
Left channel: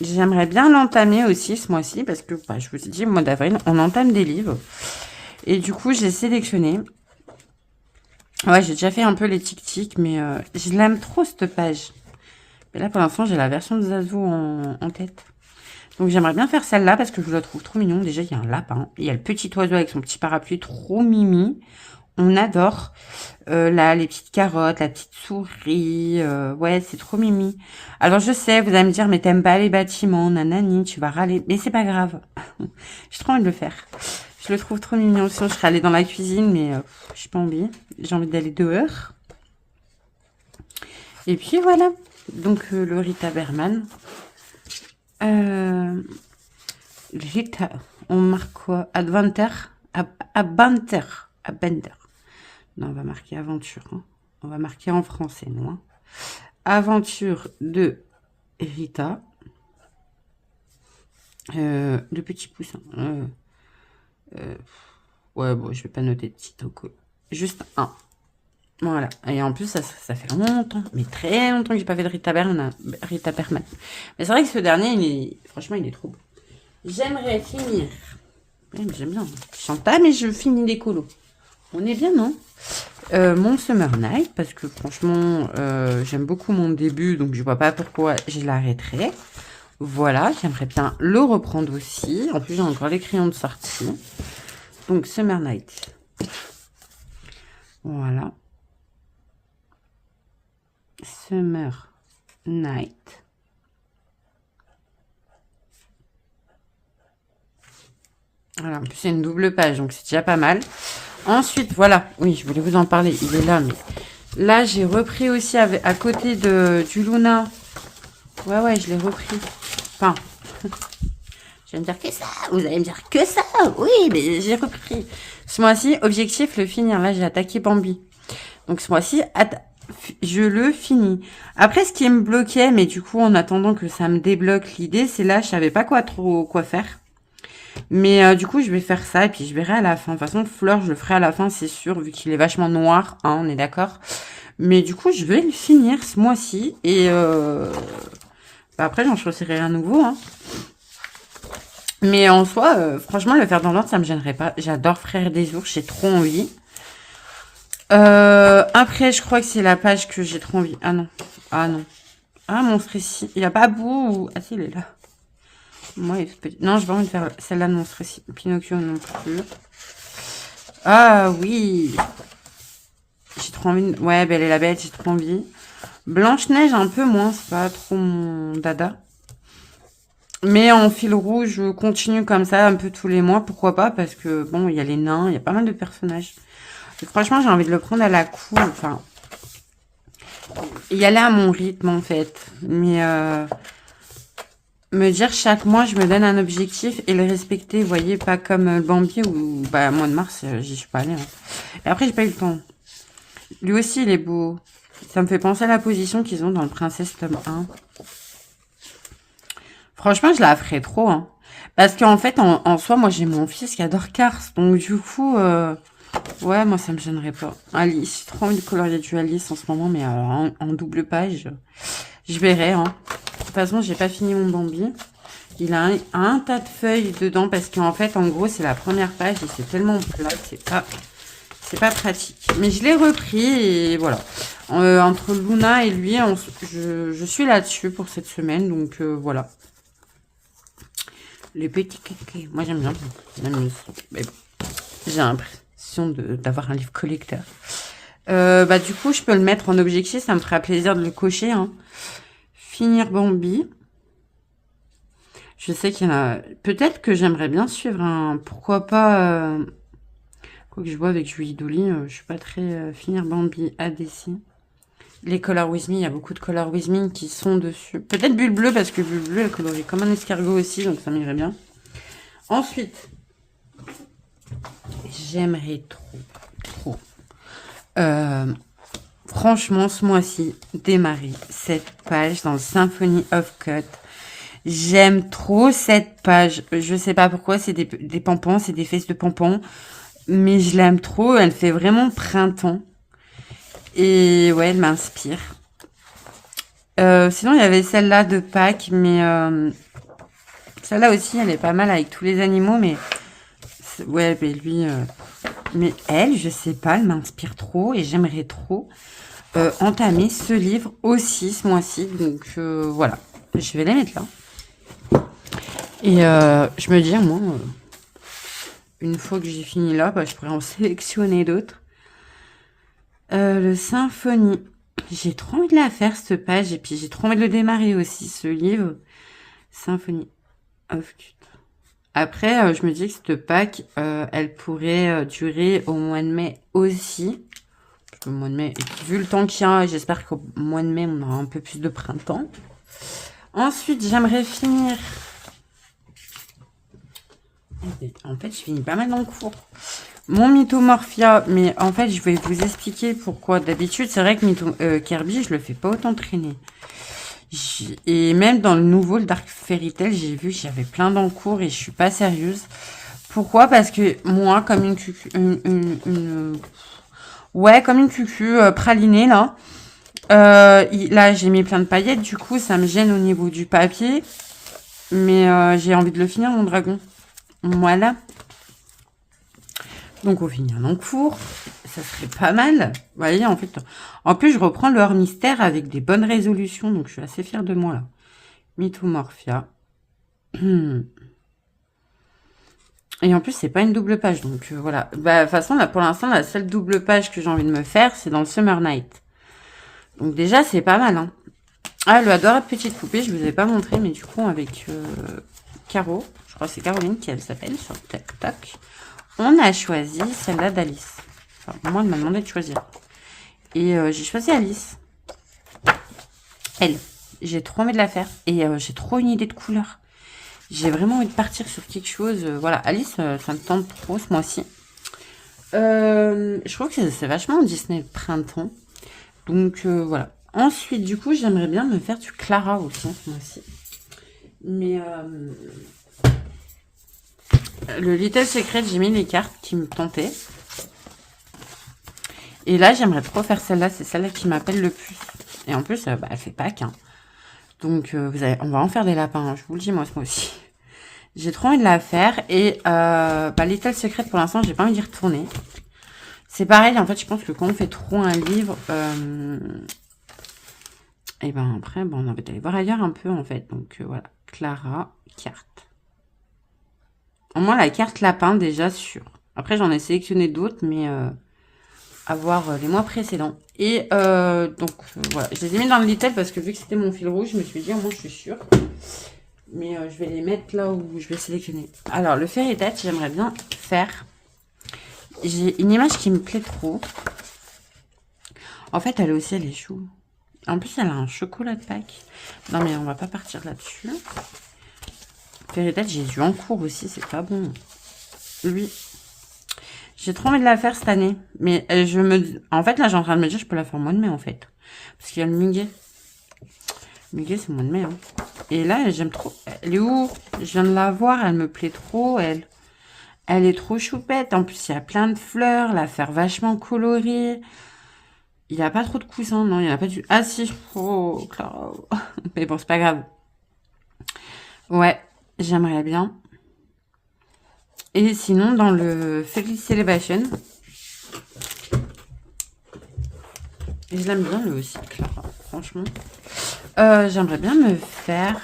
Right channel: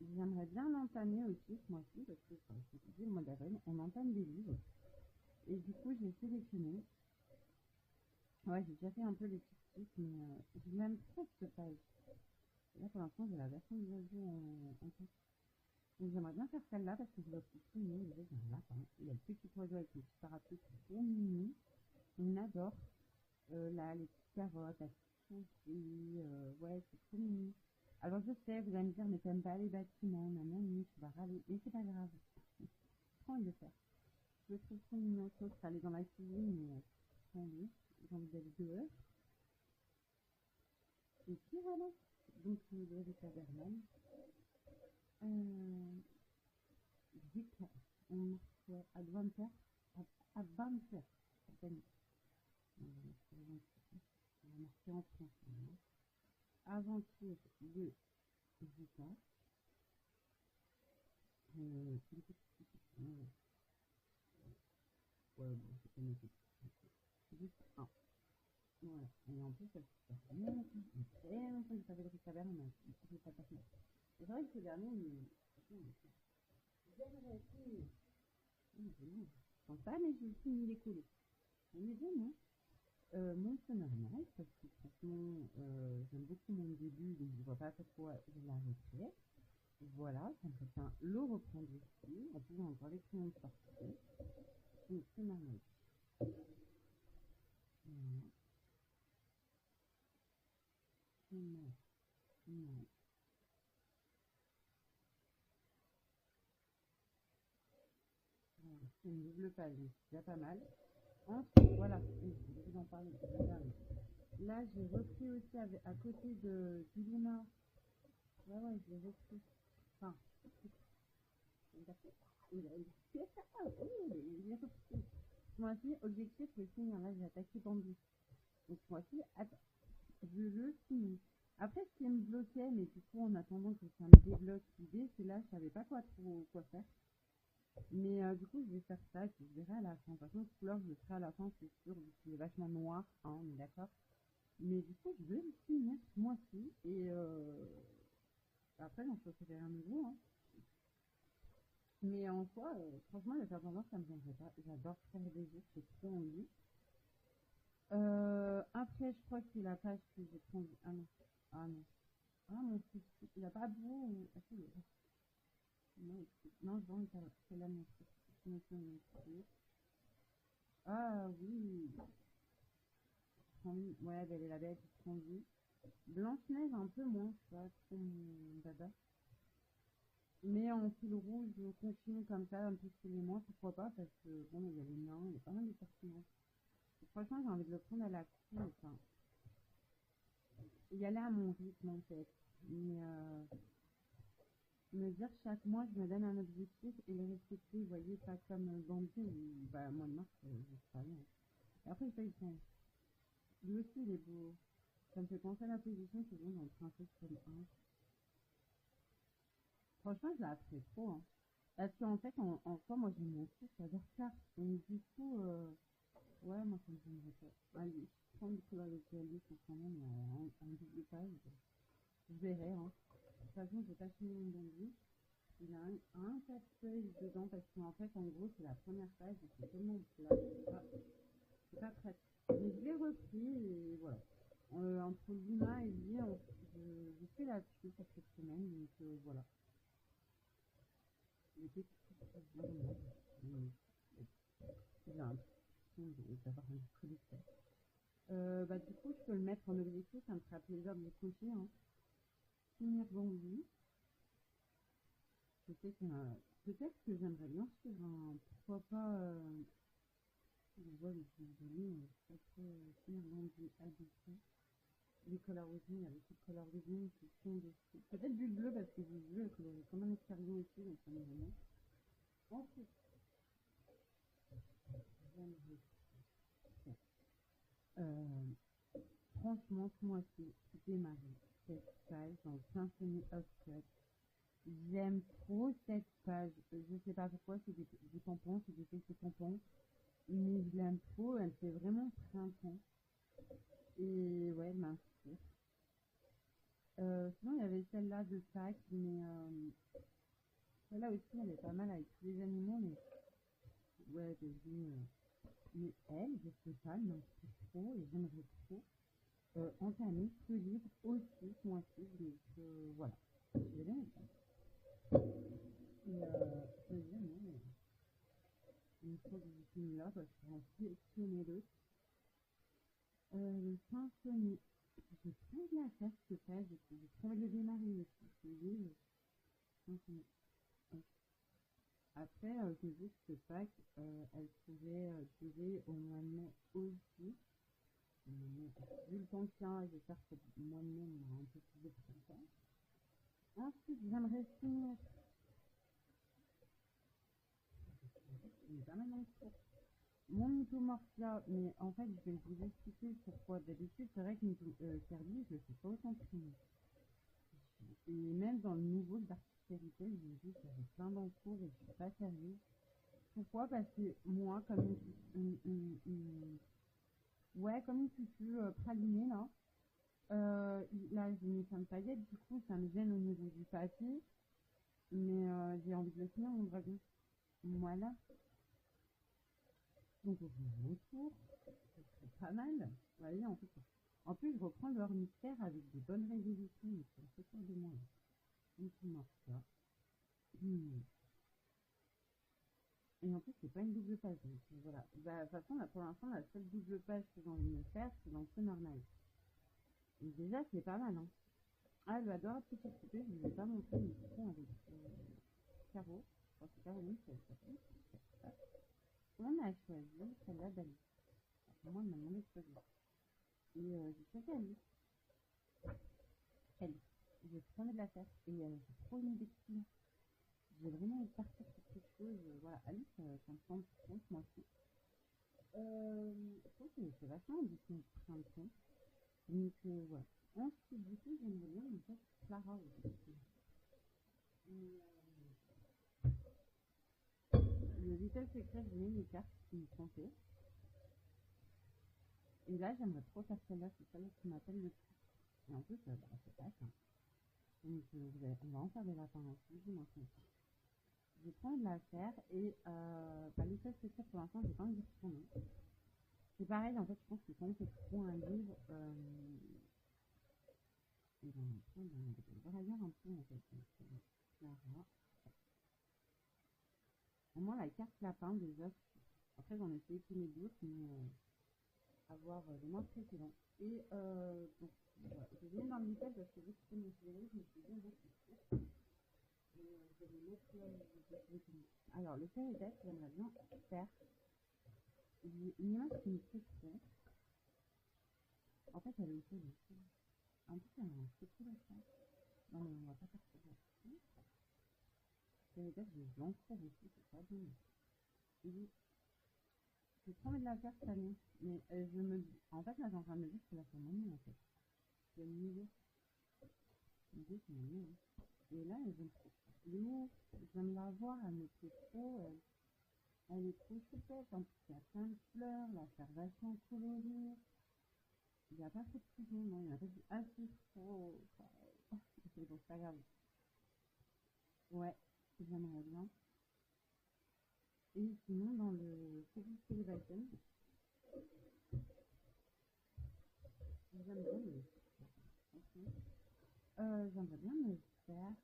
J'aimerais bien l'entamer aussi ce mois-ci parce que, bah, je vous ai dit, au mois d'avril, on entame des livres. Et du coup, j'ai sélectionné. Ouais, j'ai déjà fait un peu les tic-tic, mais je l'aime trop cette page. Mais là, pour l'instant, j'ai la version de Zazou en tête. Donc, j'aimerais bien faire celle-là parce que je la trouve trop mignon. Déjà, il y a un lapin. Il y a le petit oiseau avec son petit parapluie, trop mimi. On adore. Là, les petites carottes, la petite souris. Ouais, c'est trop mimi. Alors, je sais, vous allez me dire, mais t'aimes pas les bâtiments, nanani, tu vas râler. Mais c'est pas grave. J'ai trop envie de le faire. Je le trouve trop mignon. Sinon, je serais allée dans la cuisine, mais j'ai pas envie. J'ai envie d'aller dehors. Et puis, voilà. Donc, le Rita Berman. Rita, on marque quoi? Adventure? Abanter. Abender. Non, on va marquer aventure. Hein. On va marquer en français, non hein. Aventure de Rita. De petits poussins. Ouais, bon, je vais pas noter de petit toco. Juste un. Voilà. Et en plus, ça fait longtemps, mais très longtemps que j'ai pas fait de Rita Berman. Mais c'est vrai que ce dernier, franchement, il est trop beau. J'aimerais finir. Ouais, j'aime bien. Je chante pas, mais je finis les colos. On est bien, non? Mon Summer Night, parce que franchement, j'aime beaucoup mon début, donc je vois pas pourquoi je l'arrêterai. Voilà, j'aimerais bien le reprendre aussi. En plus, j'ai encore les crayons de sortie. Donc, Summer Night. Voilà. Summer Night. Voilà, en plus, c'est une double page, donc c'est déjà pas mal. Ensuite, voilà. Oui, je voulais vous en parler. Il est là, mais... Là, j'ai repris aussi à côté du Luna. Ouais, je l'ai repris. Enfin... Je vais me dire que ça. Vous allez me dire que ça. Oui, mais j'ai repris. Ce mois-ci, objectif, le finir. Là, j'ai attaqué Bambi. Donc, ce mois-ci, je le finis. Après, ce qui me bloquait, mais du coup, en attendant que ça me débloque l'idée, c'est là, je savais pas quoi faire. Mais du coup, je vais faire ça et puis je verrai à la fin. De toute façon, Fleur, je le ferai à la fin, c'est sûr, vu qu'il est vachement noir, hein, on est d'accord. Mais du coup, je vais le finir ce mois-ci et bah, après, j'en choisirai un nouveau, hein. Mais en soi, franchement, le faire dans l'ordre, ça me gênerait pas. J'adore Frères des ours, j'ai trop envie. Après, je crois que c'est la page que j'ai trop envie. Ah non. Ah non. Ah, Monstre ici. Il a pas bout ou... Ah si, il est là. Moi, il est petit. Non, j'ai pas envie de faire celle-là de Monstre ici. Pinocchio non plus. Ah oui. J'ai trop envie de... Ouais, Belle et la Bête, j'ai trop envie. Blanche-Neige, un peu moins. C'est pas trop mon dada. Mais en fil rouge, je continue comme ça un peu tous les mois. Pourquoi pas? Parce que, bon, il y a les nains, il y a pas mal de personnages. Et franchement, j'ai envie de le prendre à la cool. Enfin, y aller à mon rythme, en fait. Mais me dire chaque mois, je me donne un objectif et le respecter. Vous voyez, pas comme le Bambi où, bah, mois de mars, j'y suis pas allée, hein. Et après, j'ai pas eu le temps. Lui aussi, il est beau. Ça me fait penser à la position qu'ils ont dans le Princesse tome 1. Franchement, je la ferais trop, hein. Parce qu'en fait, en soi, moi, j'ai mon fils qui adore Cars. Donc, du coup, ouais, moi, ça me gênerait pas. Alice, j'ai trop envie de colorier du Alice en ce moment, mais alors, en double page, je verrai, hein. De toute façon, j'ai pas fini mon Bambi. Il a un tas de feuilles dedans parce qu'en fait, en gros, c'est la première page et c'est tellement plat, c'est pas pratique. Mais je l'ai repris et voilà. Entre Luna et lui, je suis là-dessus pour cette semaine, donc voilà. Les petits kékés. Moi, j'aime bien. Ça m'amuse. Mais bon, j'ai l'impression d'avoir un livre collecteur. Bah, du coup, je peux le mettre en objectif. Ça me fera plaisir de le cocher, hein. Finir Bambi. Je sais qu'il y en a... Peut-être que j'aimerais bien suivre un... Pourquoi pas... Quoi que je vois avec Julie Dolly, je suis pas très... Finir Bambi ADC. Les Color With Me, il y a beaucoup de Color With Me qui sont dessus. Peut-être Bulle Bleue, parce que Bulle Bleue, elle colorie comme un escargot aussi, donc ça m'irait bien. Ensuite, j'aimerais trop, franchement, ce mois-ci, démarrer cette page dans le Symphony of Cut. J'aime trop cette page. Je sais pas pourquoi, c'est des pompons, c'est des fesses de pompons. Mais je l'aime trop, elle fait vraiment printemps. Et ouais, elle m'inspire. Sinon, il y avait celle-là de Pâques, mais celle-là aussi, elle est pas mal avec tous les animaux, mais ouais, mais lui, mais elle, je sais pas, elle m'inspire trop et j'aimerais trop entamer ce livre aussi ce mois-ci. Donc voilà, je vais les mettre là. Et je me dis, moi, une fois que j'ai fini là, bah, je pourrais en sélectionner d'autres. Le Symphonie. J'ai trop envie de la faire, cette page, et puis j'ai trop envie de le démarrer aussi, ce livre. Symphonie of Cut. Après, je me dis que cette Pâques, elle pourrait durer au mois de mai aussi. Le mois de mai, et puis, vu le temps qu'il y a, j'espère qu'au mois de mai, on aura un peu plus de printemps. Ensuite, j'aimerais finir... En fait, je finis pas mal dans le cours. Mon Mythomorphia, mais en fait, je vais vous expliquer pourquoi. D'habitude, c'est vrai que Kirby, je le fais pas autant traîner. Et même dans le nouveau, le Dark Fairy Tail, j'ai vu que j'avais plein d'encours et je suis pas sérieuse. Pourquoi? Parce que moi, comme une cucu, ouais, comme une cucu pralinée, là. Là, j'ai mis plein de paillettes, du coup, ça me gêne au niveau du papier. Mais j'ai envie de le finir, mon dragon. Voilà. Donc, on finit un encours. Ça serait pas mal. Vous voyez, en fait. En plus, je reprends le hors mystère avec des bonnes résolutions. Donc, je suis assez fière de moi, là. Mythomorphia. Et en plus, c'est pas une double page. Donc, voilà. Bah, de toute façon, là, pour l'instant, la seule double page que j'ai envie de me faire, c'est dans le Summer Night. Donc, déjà, c'est pas mal, hein. Ah, le adorable petite poupée, je vous ai pas montré, mais du coup, avec Caro, je crois que c'est Caroline qui elle s'appelle, sur TikTok, on a choisi celle-là d'Alice. Enfin, moi, elle m'a demandé de choisir. Et j'ai choisi Alice. Elle. J'ai trop envie de la faire. Et j'ai trop une idée de couleur. J'ai vraiment envie de partir sur quelque chose. Voilà, Alice, ça me tente trop ce mois-ci. Je trouve que c'est vachement Disney printemps. Donc, voilà. Ensuite, du coup, j'aimerais bien me faire du Clara aussi, moi aussi. Mais le Little Secret, j'ai mis les cartes qui me tentaient. Et là, j'aimerais trop faire celle-là. C'est celle-là qui m'appelle le plus. Et en plus, bah, elle fait Pâques. Hein. Donc, on va en faire des lapins. Hein, je vous le dis, moi aussi. J'ai trop envie de la faire. Et bah, Little Secret, pour l'instant, j'ai pas envie d'y retourner. C'est pareil, en fait, je pense que quand on fait trop un livre... et ben après, on a envie d'aller voir ailleurs un peu, en fait. Donc, voilà. Clara, carte. Au moins, la carte lapin, déjà, sûr. Après, j'en ai sélectionné d'autres, mais... à voir les mois précédents. Et donc, voilà. Je les ai mis dans le Little parce que vu que c'était mon fil rouge, je me suis dit, moi, je suis sûre. Mais je vais les mettre là où je vais sélectionner. Alors, le Fairy Touch, j'aimerais bien faire. J'ai une image qui me plaît trop. En fait, elle aussi, elle est chou. En plus, elle a un chocolat de Pâques. Non, mais on va pas partir là-dessus. Fairy Touch, j'ai dû en cours aussi, c'est pas bon. Lui, j'ai trop envie de la faire cette année. Mais en fait, là, j'ai en train de me dire, je peux la faire au mois de mai, en fait. Parce qu'il y a le muguet. Le muguet, c'est au mois de mai. Hein. Et là, j'aime trop. Elle est où? Je viens de la voir, elle me plaît trop, elle. Elle est trop choupette. En plus, il y a plein de fleurs. La faire vachement colorée. Il n'y a pas trop de coussins, non? Il n'y en a pas du... Ah si. Oh, Clara. Mais bon, c'est pas grave. Ouais, j'aimerais bien. Et sinon, dans le Fairy Celebration, et je l'aime bien, lui aussi, Clara, franchement. J'aimerais bien me faire...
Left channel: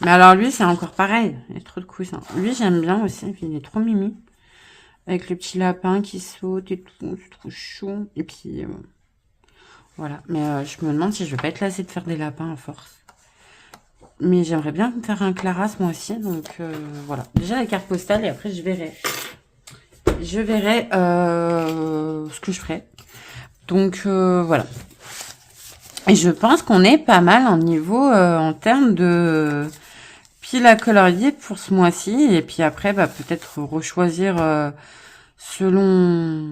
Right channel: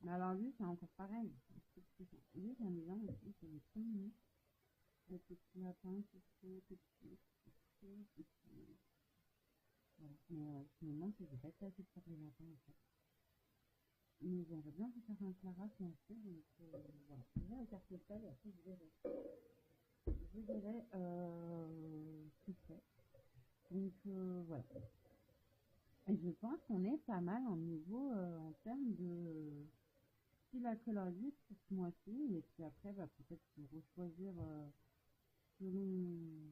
Mais alors, lui, c'est encore pareil. Il y a trop de coussins. Lui, j'aime bien aussi. Il est trop mimi. Avec le petit lapin qui saute et tout. C'est trop chou. Et puis, voilà. Mais je me demande si je vais pas être lassée de faire des lapins à force. Mais j'aimerais bien me faire un Claras, moi aussi. Donc, voilà. Déjà, la carte postale. Et après, je verrai. Je verrai ce que je ferai. Donc, voilà. Et je pense qu'on est pas mal en niveau en termes de pile à colorier pour ce mois-ci. Et puis après, bah, peut-être rechoisir selon,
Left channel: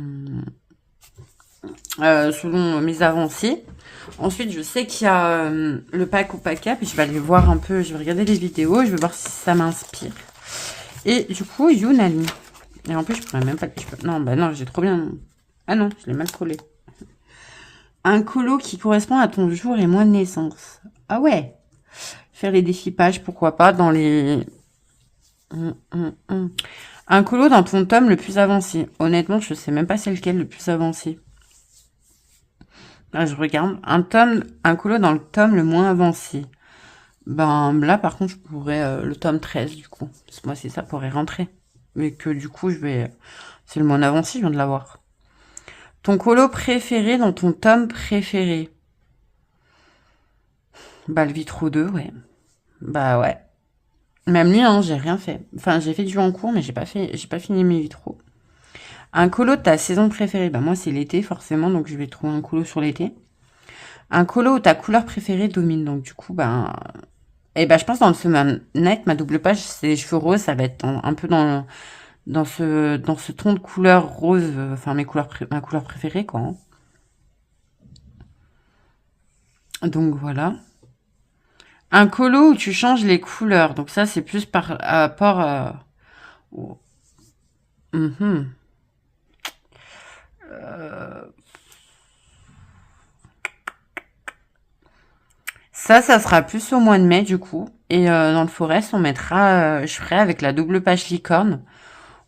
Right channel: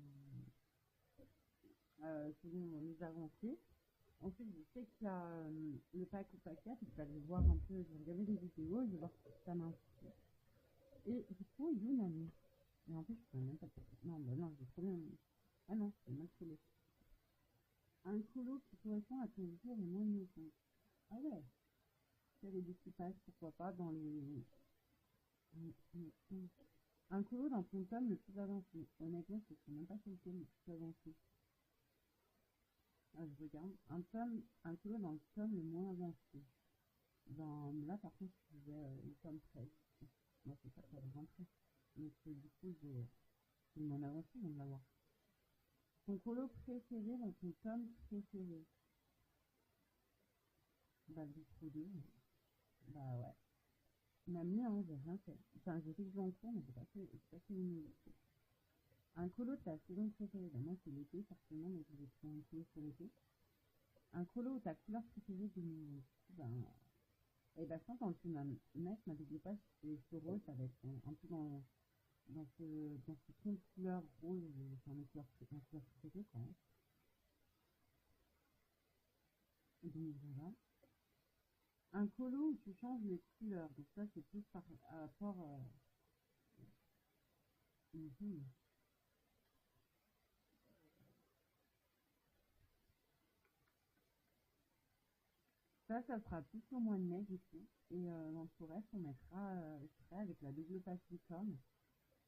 selon mes avancées. Ensuite, je sais qu'il y a le pack au pack up. Et je vais aller voir un peu, je vais regarder les vidéos. Je vais voir si ça m'inspire. Et du coup, Yunali. Et en plus, je pourrais même pas... Non, bah non, j'ai trop bien... Ah non, je l'ai mal collé. Un colo qui correspond à ton jour et mois de naissance. Ah ouais. Faire les déchipages, pourquoi pas, dans les... Un colo dans ton tome le plus avancé. Honnêtement, je sais même pas c'est lequel le plus avancé. Là, je regarde. Un colo dans le tome le moins avancé. Ben là, par contre, je pourrais le tome 13, du coup. Parce que moi, c'est ça pourrait rentrer. Mais que du coup, je vais... C'est le moins avancé, je viens de l'avoir. Ton colo préféré dans ton tome préféré. Bah, le Vitro 2, ouais. Bah, ouais. Même lui, hein, j'ai rien fait. Enfin, j'ai fait du en cours, mais j'ai pas fini mes vitraux. Un colo de ta saison préférée. Bah, moi, c'est l'été, forcément, donc je vais trouver un colo sur l'été. Un colo où ta couleur préférée domine. Donc, du coup, ben... Et ben, je pense dans le Summer Night, ma double page, c'est les cheveux roses. Ça va être un peu dans ce ton de couleur rose. Enfin, ma couleur préférée, quoi. Hein. Donc, voilà. Un colo où tu changes les couleurs. Donc, ça, c'est plus par rapport à... Ça sera plus au mois de mai, du coup. Et dans le forest, on mettra... je ferai avec la double page licorne,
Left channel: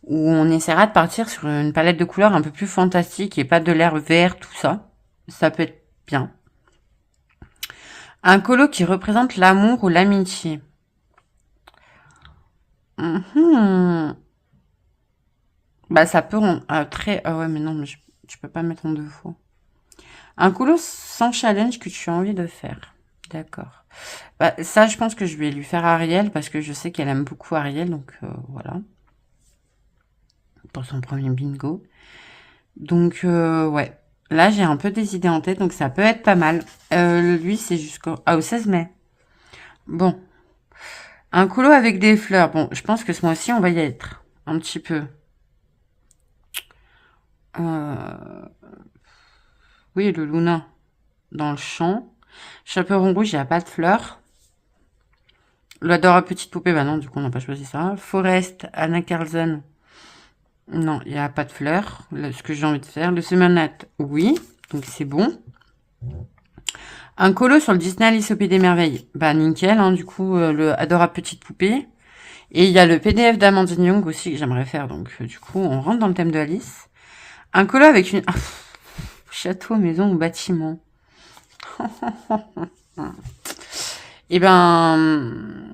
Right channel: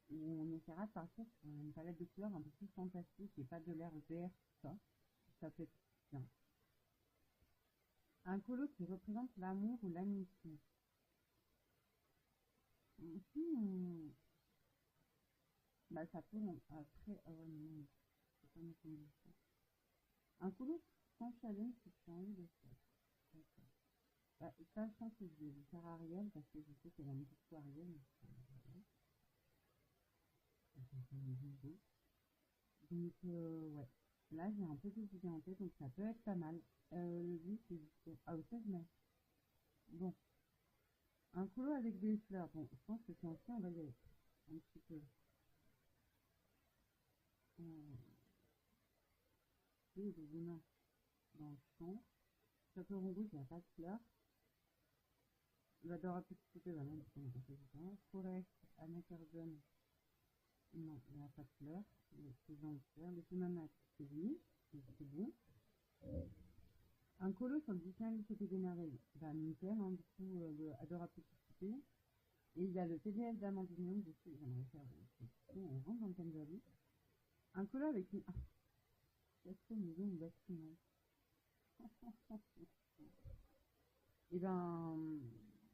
où on essaiera de partir sur une palette de couleurs un peu plus fantastique et pas de l'air vert, tout ça. Ça peut être bien. Un colo qui représente l'amour ou l'amitié. Bah, ça peut rendre très... Ah ouais, mais non, mais je peux pas mettre en deux fois. Un colo sans challenge que tu as envie de faire. D'accord. Bah, ça, je pense que je vais lui faire Ariel parce que je sais qu'elle aime beaucoup Ariel. Donc, voilà. Pour son premier bingo. Donc, ouais. Là, j'ai un peu des idées en tête. Donc, ça peut être pas mal. Lui, c'est au 16 mai. Bon. Un colo avec des fleurs. Bon, je pense que ce mois-ci, on va y être. Un petit peu. Oui, le Luna dans le champ. Chaperon rouge, il n'y a pas de fleurs. L'Adora petite poupée, bah non, du coup, on n'a pas choisi ça. Forest, Anna Carlson. Non, il n'y a pas de fleurs. Ce que j'ai envie de faire. Le Semonat, oui. Donc, c'est bon. Un colo sur le Disney Alice au Pays des Merveilles. Bah, nickel, hein, du coup, le Adora petite poupée. Et il y a le PDF d'Amandine Young aussi que j'aimerais faire. Donc, du coup, on rentre dans le thème de Alice. Un colo avec une... château, maison ou bâtiment. Et ben...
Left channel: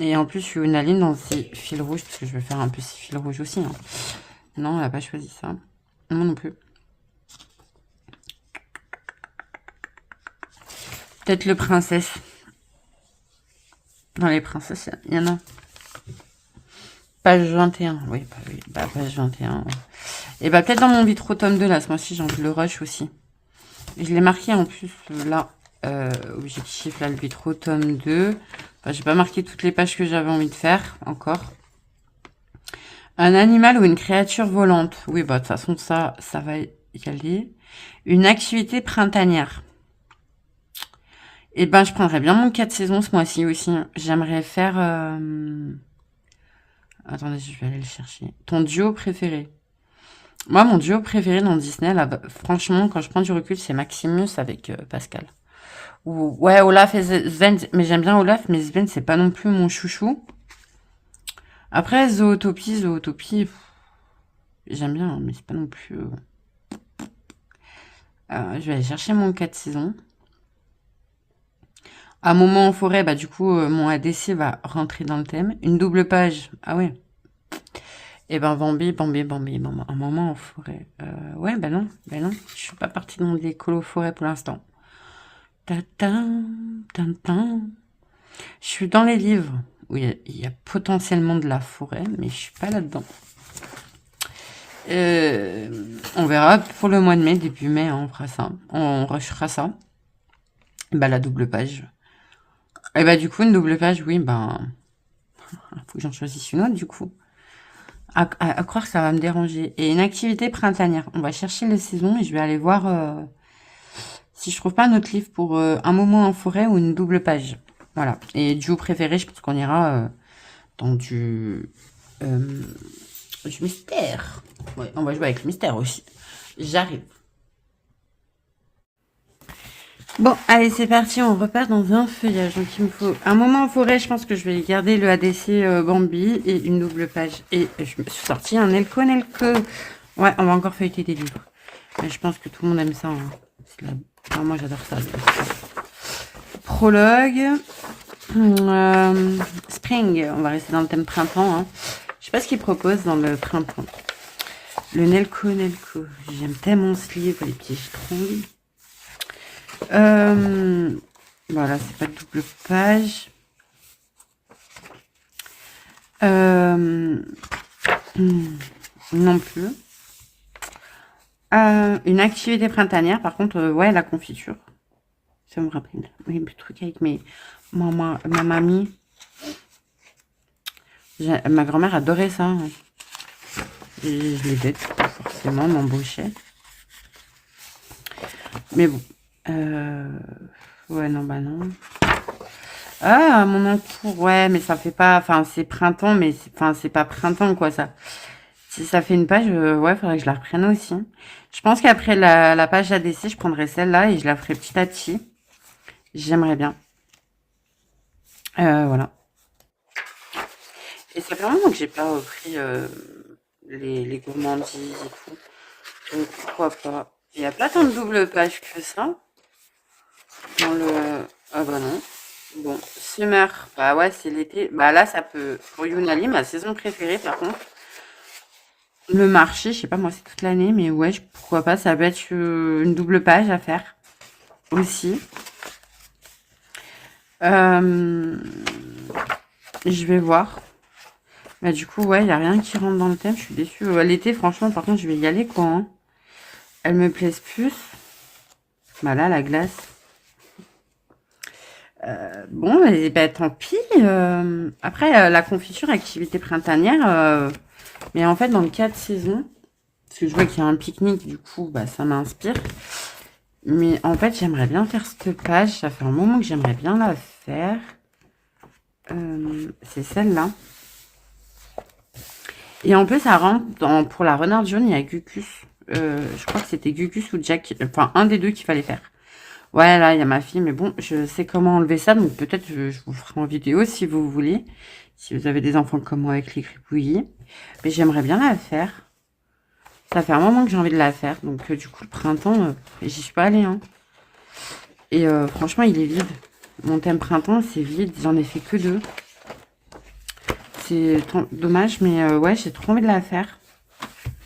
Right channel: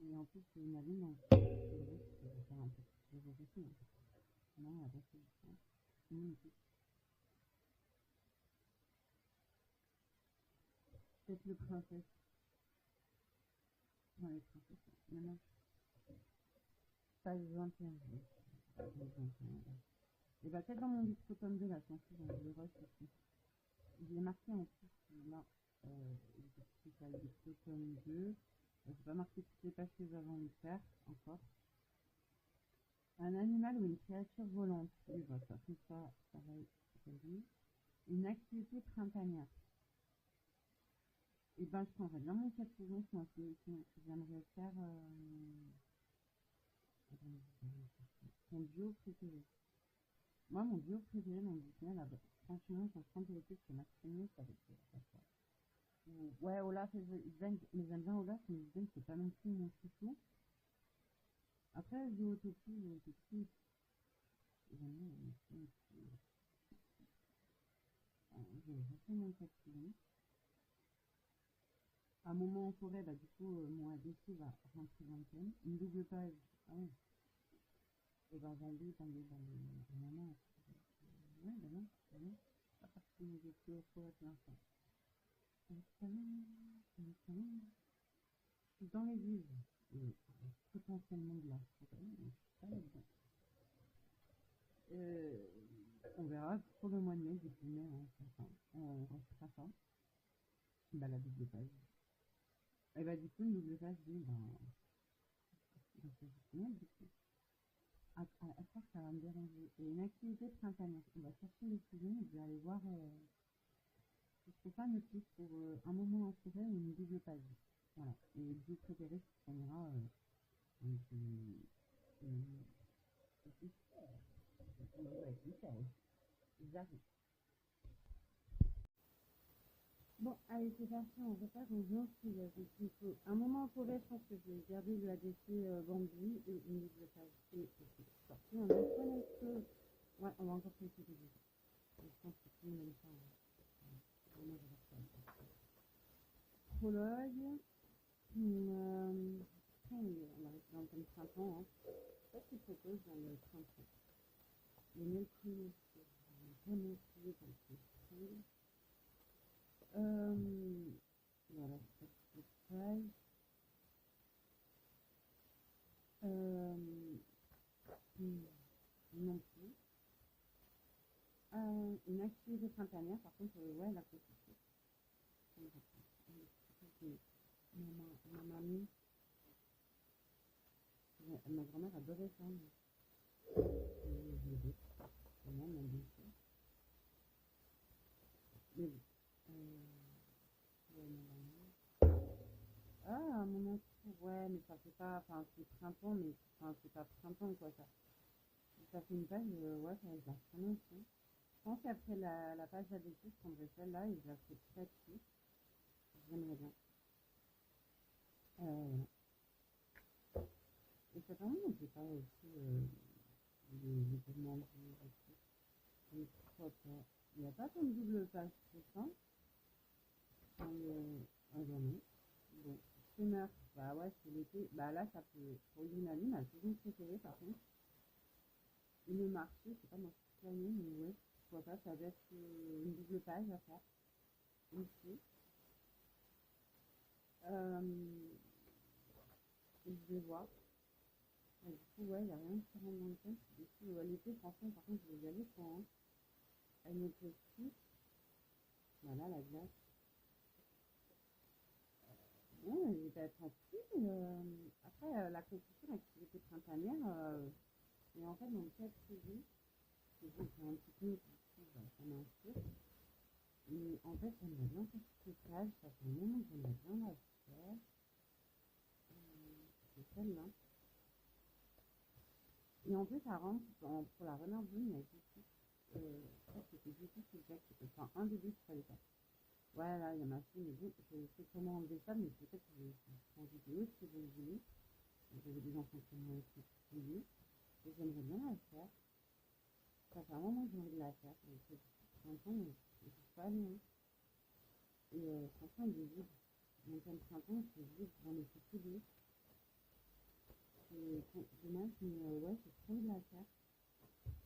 Et en plus, je suis une aline dans ces fils rouges, parce que je vais faire un peu ces fils rouges aussi. Hein. Non, elle n'a pas choisi ça. Moi non plus. Peut-être le princesse. Dans les princesses, il y en a. Page 21. Oui, bah, page 21. Ouais. Et bah peut-être dans mon vitro tome 2, là, ce mois-ci, j'ai envie de le rush aussi. Et je l'ai marqué en plus, là, objectif, là, le vitro tome 2. Enfin, j'ai pas marqué toutes les pages que j'avais envie de faire, encore. Un animal ou une créature volante. Oui, bah de toute façon, ça va y aller. Une activité printanière. Et ben, je prendrais bien mon 4 saisons ce mois-ci aussi. J'aimerais faire... Attendez, je vais aller le chercher. Ton duo préféré. Moi, mon duo préféré dans Disney, là, franchement, quand je prends du recul, c'est Maximus avec Pascal. Ou, ouais, Olaf et Sven. Mais j'aime bien Olaf, mais Sven, c'est pas non plus mon chouchou. Après, Zootopie, j'aime bien, hein, mais c'est pas non plus... je vais aller chercher mon 4 saisons. Un moment en forêt, bah du coup, mon ADC va rentrer dans le thème. Une double page, ah ouais. Et ben Bambi, un moment en forêt. Ouais, ben non, je suis pas partie dans des colos forêt pour l'instant. Ta-ta, ta-ta. Je suis dans les livres où il y a potentiellement de la forêt, mais je suis pas là-dedans. On verra pour le mois de mai, début mai, hein, on fera ça. On rushera ça. Bah la double page. Et bah du coup, une double page, oui, ben... faut que j'en choisisse une autre, du coup. À croire que ça va me déranger. Et une activité printanière. On va chercher les saisons et je vais aller voir si je trouve pas un autre livre pour un moment en forêt ou une double page. Voilà. Et duo préféré, je pense qu'on ira dans du mystère. Ouais, on va jouer avec le mystère aussi. J'arrive. Bon, allez, c'est parti, on repart dans un feuillage. Donc, il me faut un moment en forêt. Je pense que je vais garder le ADC Bambi et une double page. Et je me suis sorti un Elko. Ouais, on va encore feuilleter des livres. Mais je pense que tout le monde aime ça. Hein. Enfin, moi, j'adore ça. Prologue. Spring. On va rester dans le thème printemps. Hein. Je sais pas ce qu'ils proposent dans le printemps. Le Nelco. J'aime tellement ce livre. Les pièges trop envie. Voilà, c'est pas de double page. Non plus. Une activité printanière, par contre, ouais, la confiture. Ça me rappelle. Oui, le truc avec ma mamie. Ma grand-mère adorait ça. Hein. Et je les aide, forcément, m'embauchait. Mais bon. Ouais, non, bah non. Ah, mon encours, ouais, mais ça fait pas... Enfin, c'est printemps, mais c'est pas printemps, quoi, ça. Si ça fait une page, ouais, faudrait que je la reprenne aussi. Je pense qu'après la page ADC, je prendrai celle-là et je la ferai petit à petit. J'aimerais bien. Voilà. Et ça fait vraiment que j'ai pas repris les gourmandises et tout. Donc, pourquoi pas. Il n'y a pas tant de double page que ça. Dans le... Ah bah non. Bon, Summer, bah ouais, c'est l'été. Bah là, ça peut... Pour Yunali, ma saison préférée, par contre. Le marché, je sais pas, moi, c'est toute l'année, mais ouais, pourquoi pas, ça peut être une double page à faire aussi. Je vais voir. Bah du coup, ouais, il n'y a rien qui rentre dans le thème, je suis déçue. L'été, franchement, par contre, je vais y aller, quoi. Hein. Elles me plaisent plus. Bah là, la glace. Bon, et bah, tant pis. Après, la confiture, activité printanière. Mais en fait, dans le 4 saisons, Parce que je vois qu'il y a un pique-nique, du coup, bah, ça m'inspire. Mais en fait, j'aimerais bien faire cette page. Ça fait un moment que j'aimerais bien la faire. C'est celle-là. Et en plus, ça rentre pour la renarde jaune, il y a Gugus. Je crois que c'était Gugus ou Jack. Enfin, un des deux qu'il fallait faire. Ouais, là, il y a ma fille. Mais bon, je sais comment enlever ça. Donc peut-être je vous ferai en vidéo si vous voulez. Si vous avez des enfants comme moi avec les crépouillis. Mais j'aimerais bien la faire. Ça fait un moment que j'ai envie de la faire. Donc du coup, le printemps, j'y suis pas allée. Hein. Et franchement, il est vide. Mon thème printemps, c'est vide. J'en ai fait que 2. C'est dommage, mais ouais, j'ai trop envie de la faire.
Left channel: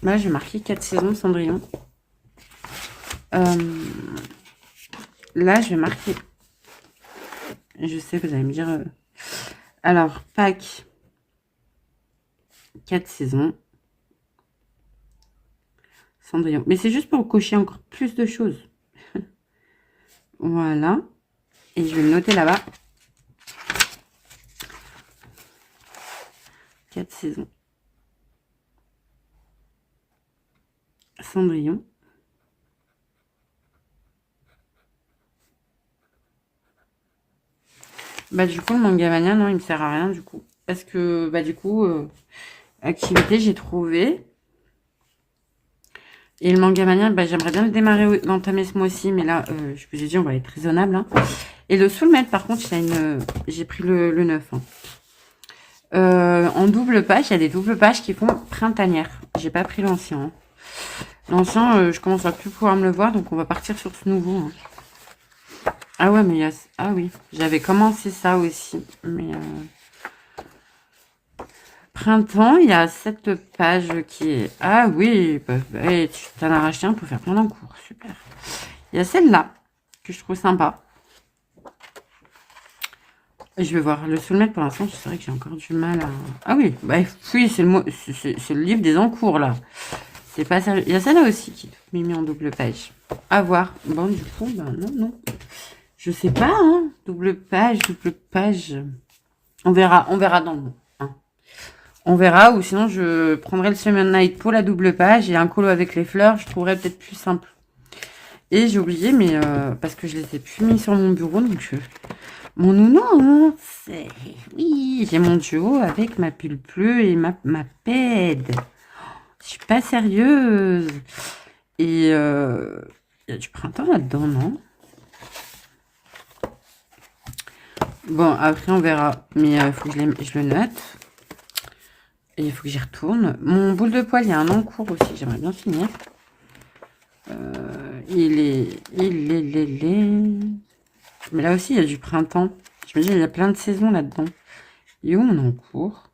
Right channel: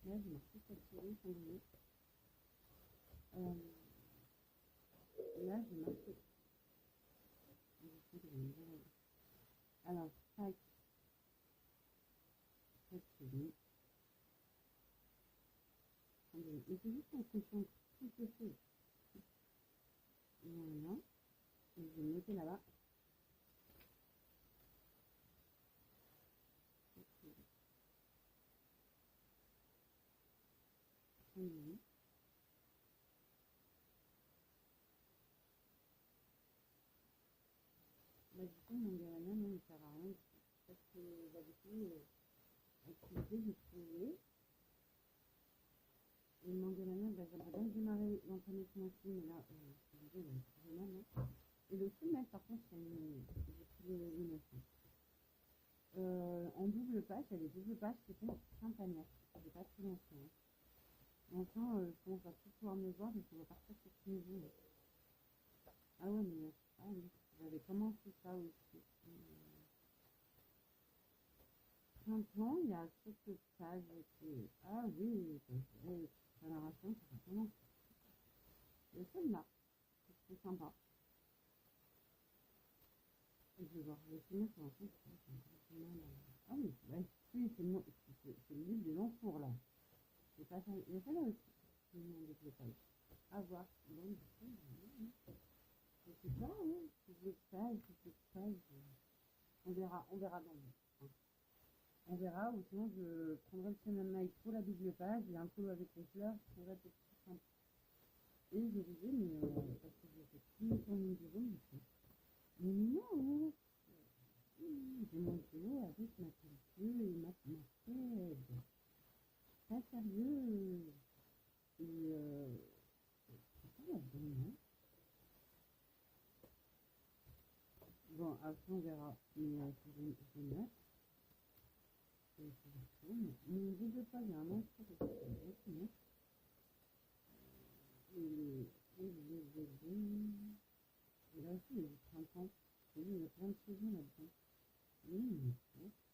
Là, j'ai marqué 4 saisons Cendrillon. Là, je vais marquer. Je sais, vous allez me dire. Alors, Pâques, 4 saisons. Cendrillon. Mais c'est juste pour cocher encore plus de choses. Voilà. Et je vais le noter là-bas. 4 saisons. Cendrillon. Bah du coup, le manga mania, non, il me sert à rien du coup. Parce que, bah du coup, activité, j'ai trouvé. Et le manga mania, bah, j'aimerais bien le démarrer, d'entamer ce mois-ci. Mais là, je vous ai dit, on va être raisonnable. Hein. Et le soulmate, par contre, j'ai pris le 9. Hein. En double page, il y a des doubles pages qui font printanière. J'ai pas pris l'ancien. Hein. L'ancien, je commence à plus pouvoir me le voir, donc on va partir sur ce nouveau. Hein. Ah ouais, mais il y a... Ah oui, j'avais commencé ça aussi. Mais printemps, il y a cette page qui est... Ah oui, bah, tu t'en as racheté un pour faire plein d'encours. Super. Il y a celle-là, que je trouve sympa. Je vais voir le soulmate pour l'instant. C'est vrai que j'ai encore du mal à... Ah oui, bah, oui, c'est le livre des encours, là. C'est pas sérieux. Il y a celle-là aussi qui est mis en double page. À voir. Bon, du coup, ben non. Je sais pas, hein. Double page. On verra dans le mot. Hein. On verra, ou sinon je prendrai le Summer Night pour la double page et un colo avec les fleurs, je trouverais peut-être plus simple. Et j'ai oublié, mais parce que je les ai plus mis sur mon bureau, donc mon nounours, oui, j'ai mon duo avec ma pull bleue et ma pède. Je suis pas sérieuse. Et il y a du printemps là-dedans, non? Bon, après on verra. Mais il faut que je le note. Et il faut que j'y retourne. Mon boule de poil, il y a un encours aussi. J'aimerais bien finir. Il est... Mais là aussi, il y a du printemps. Je me dis, il y a plein de saisons là-dedans. Il est où mon encours?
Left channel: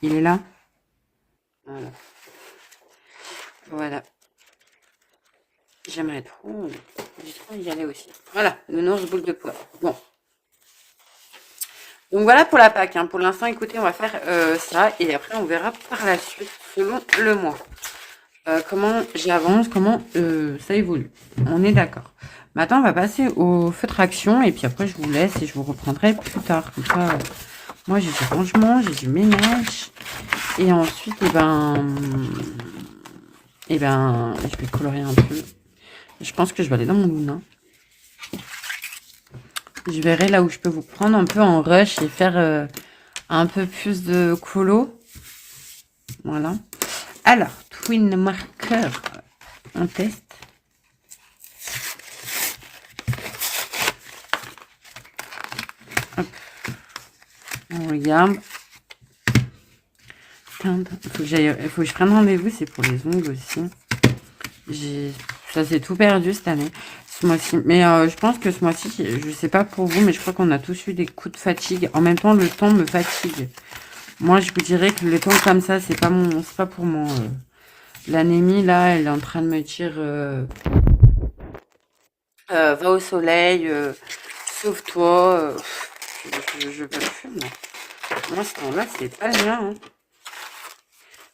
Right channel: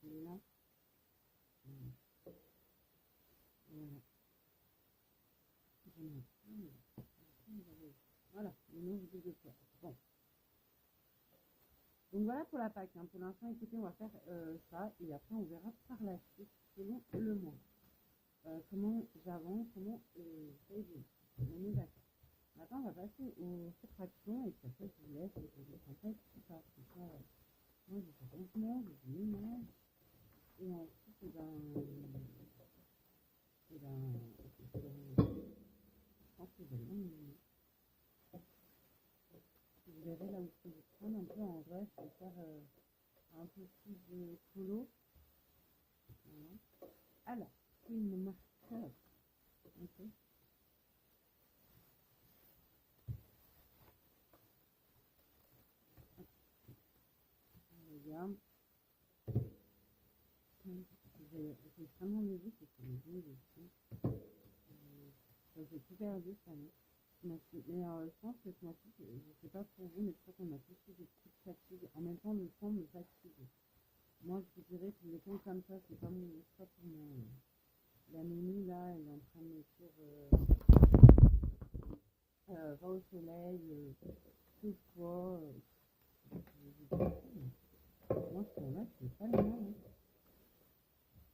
Il est là. Voilà. Voilà. J'aimerais trop... J'ai trop y aller aussi. Voilà, le nounours boule de poil. Bon. Donc voilà pour la Pâques. Hein. Pour l'instant, écoutez, on va faire ça. Et après, on verra par la suite, selon le mois. Comment j'avance, comment ça évolue. On est d'accord. Maintenant, on va passer au feutre action. Et puis après, je vous laisse et je vous reprendrai plus tard. Comme ça, moi, j'ai du rangement, j'ai du ménage. Et ensuite, je vais colorier un peu. Je pense que je vais aller dans mon Luna. Je verrai là où je peux vous prendre un peu en rush et faire un peu plus de colo. Voilà. Alors, twin marker, on teste. Hop. On regarde. Il faut que je prenne rendez-vous, c'est pour les ongles aussi. Ça s'est tout perdu cette année, ce mois-ci. Mais je pense que ce mois-ci, je sais pas pour vous, mais je crois qu'on a tous eu des coups de fatigue. En même temps, le temps me fatigue. Moi, je vous dirais que le temps comme ça, c'est pas pour moi. L'anémie, là, elle est en train de me dire va au soleil, sauve-toi. Je peux plus, moi. Moi, ce temps-là, c'est pas le mien. Hein.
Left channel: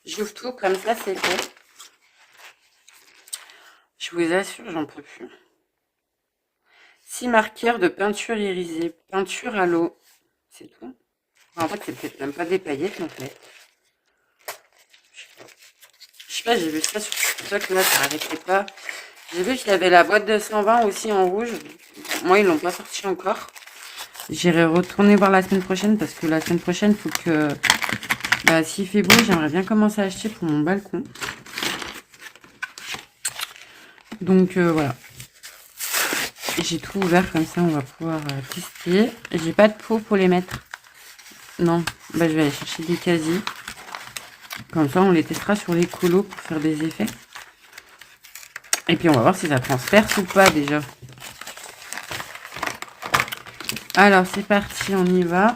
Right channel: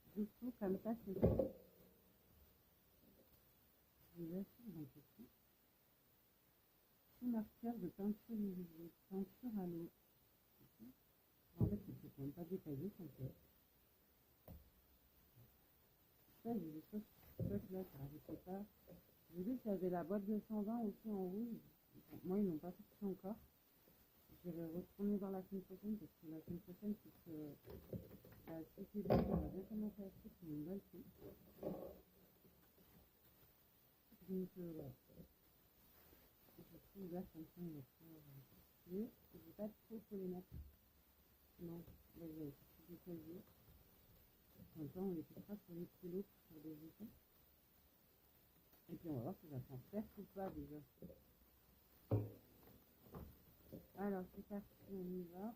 J'ouvre tout comme ça, c'est fait. Je vous assure, j'en peux plus. 6 marqueurs de peinture irisée. Peinture à l'eau. C'est tout. En fait, c'est peut-être même pas des paillettes, en fait. Je sais pas, j'ai vu ça sur TikTok, là, ça n'arrêtait pas. J'ai vu qu'il y avait la boîte de 120 aussi en rouge. Moi, ils l'ont pas sorti encore. J'irai retourner voir la semaine prochaine parce que la semaine prochaine, il faut que... Bah, s'il fait beau, j'aimerais bien commencer à acheter pour mon balcon. Donc, voilà. J'ai tout ouvert comme ça, on va pouvoir tester. J'ai pas de pot pour les mettre. Non, bah, je vais aller chercher des quasi. Comme ça, on les testera sur les colos pour faire des effets. Et puis, on va voir si ça transperce ou pas déjà. Alors, c'est parti, on y va.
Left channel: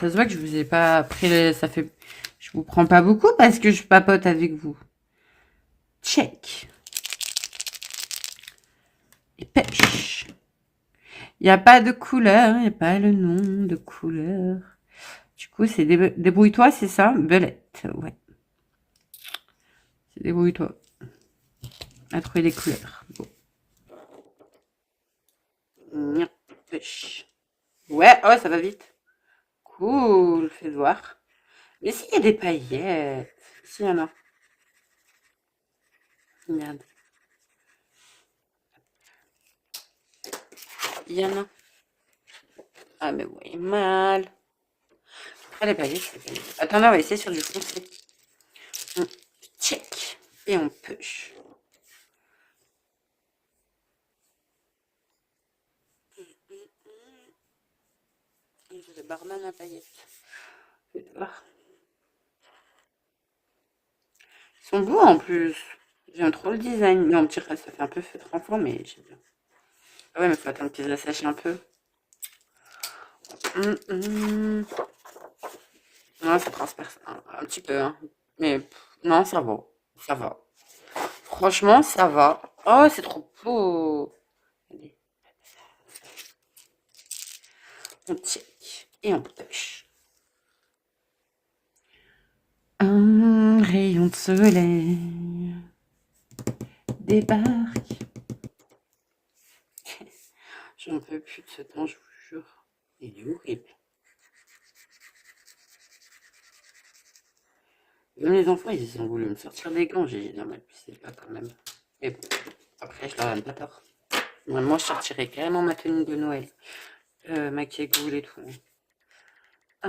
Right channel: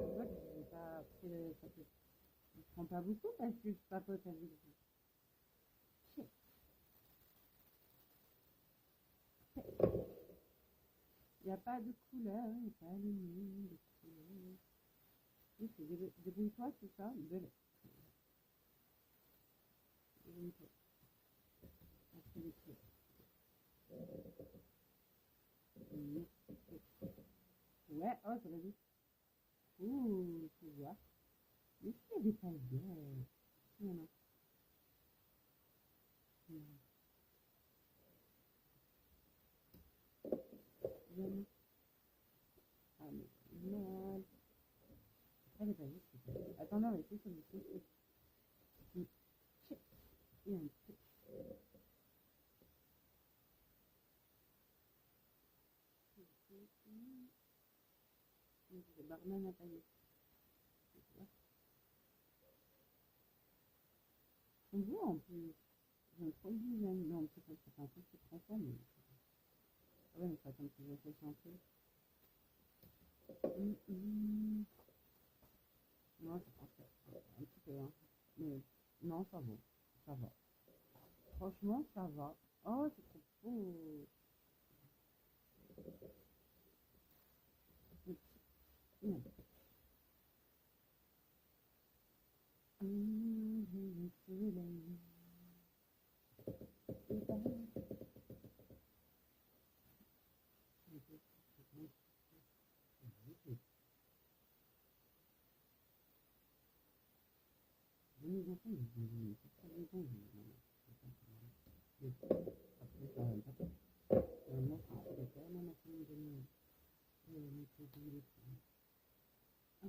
Ça se voit que je vous ai pas pris... Ça fait... Je vous prends pas beaucoup parce que je papote avec vous. Check. Et pêche. Il n'y a pas de couleur, il n'y a pas le nom de couleur. Du coup, c'est débrouille-toi, c'est ça? Belette, ouais. C'est débrouille-toi. À trouver des couleurs. Bon. Pêche. Ouais, oh, ça va vite. Cool, fais voir. Mais s'il y a des paillettes, s'il y en a. Regarde. Il y en a. Ah, mais ouais, mal. Après, les paillettes, c'est bien. Attends, on va essayer sur du foncé. On check. Et on push. J'ai le barman à paillettes. Fais voir. Ils sont beaux en plus. J'aime trop le design. Non, petit reste, ça fait un peu feutre enfant, mais j'aime bien. Ah ouais, mais faut attendre qu'ils assèchent un peu. Non, ça transperce un petit peu, hein. Mais non, ça va. Ça va. Franchement, ça va. Oh, c'est trop beau. Allez, on check et on pêche. Un rayon de soleil débarque. J'en peux plus de ce temps, je vous jure. Il est horrible. Même les enfants, ils ont voulu me sortir des gants. J'ai dit non, mais c'est pas quand même. Mais bon, après, je leur donne pas tort. Moi, je sortirais carrément ma tenue de Noël. Ma cagoule et tout. Ah,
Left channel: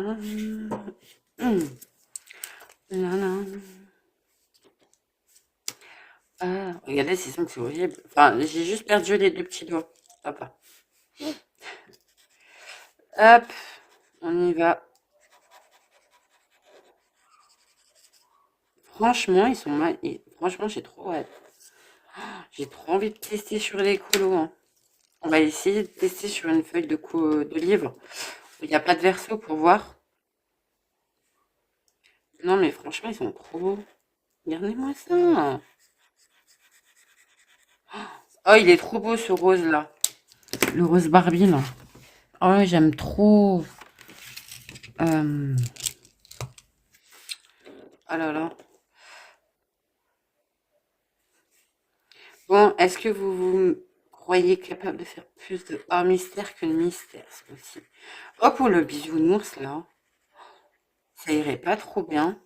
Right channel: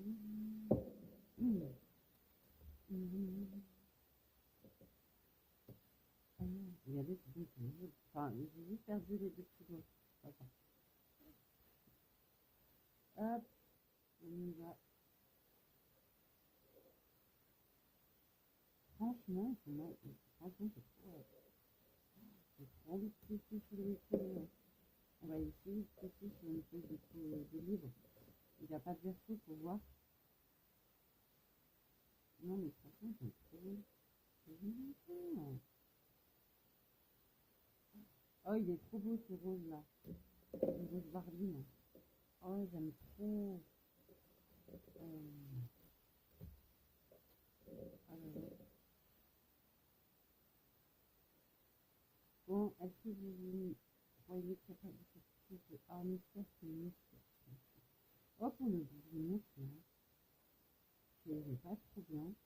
là, là. Ah, regardez, c'est ça que c'est horrible. Enfin, j'ai juste perdu les deux petits doigts. Papa. Hop, on y va. Franchement, ils sont mal. Franchement, j'ai trop hâte. J'ai trop envie de tester sur les colos, hein. On va essayer de tester sur une feuille de livre. Il n'y a pas de verso pour voir. Non, mais franchement, ils sont trop beaux. Regardez-moi ça. Oh, il est trop beau ce rose là. Le rose Barbie là. Oh, j'aime trop. Oh là là. Bon, est-ce que vous croyez capable de faire plus de hors mystère que de mystère, c'est possible? Oh, pour le bisounours là. Ça irait pas trop bien.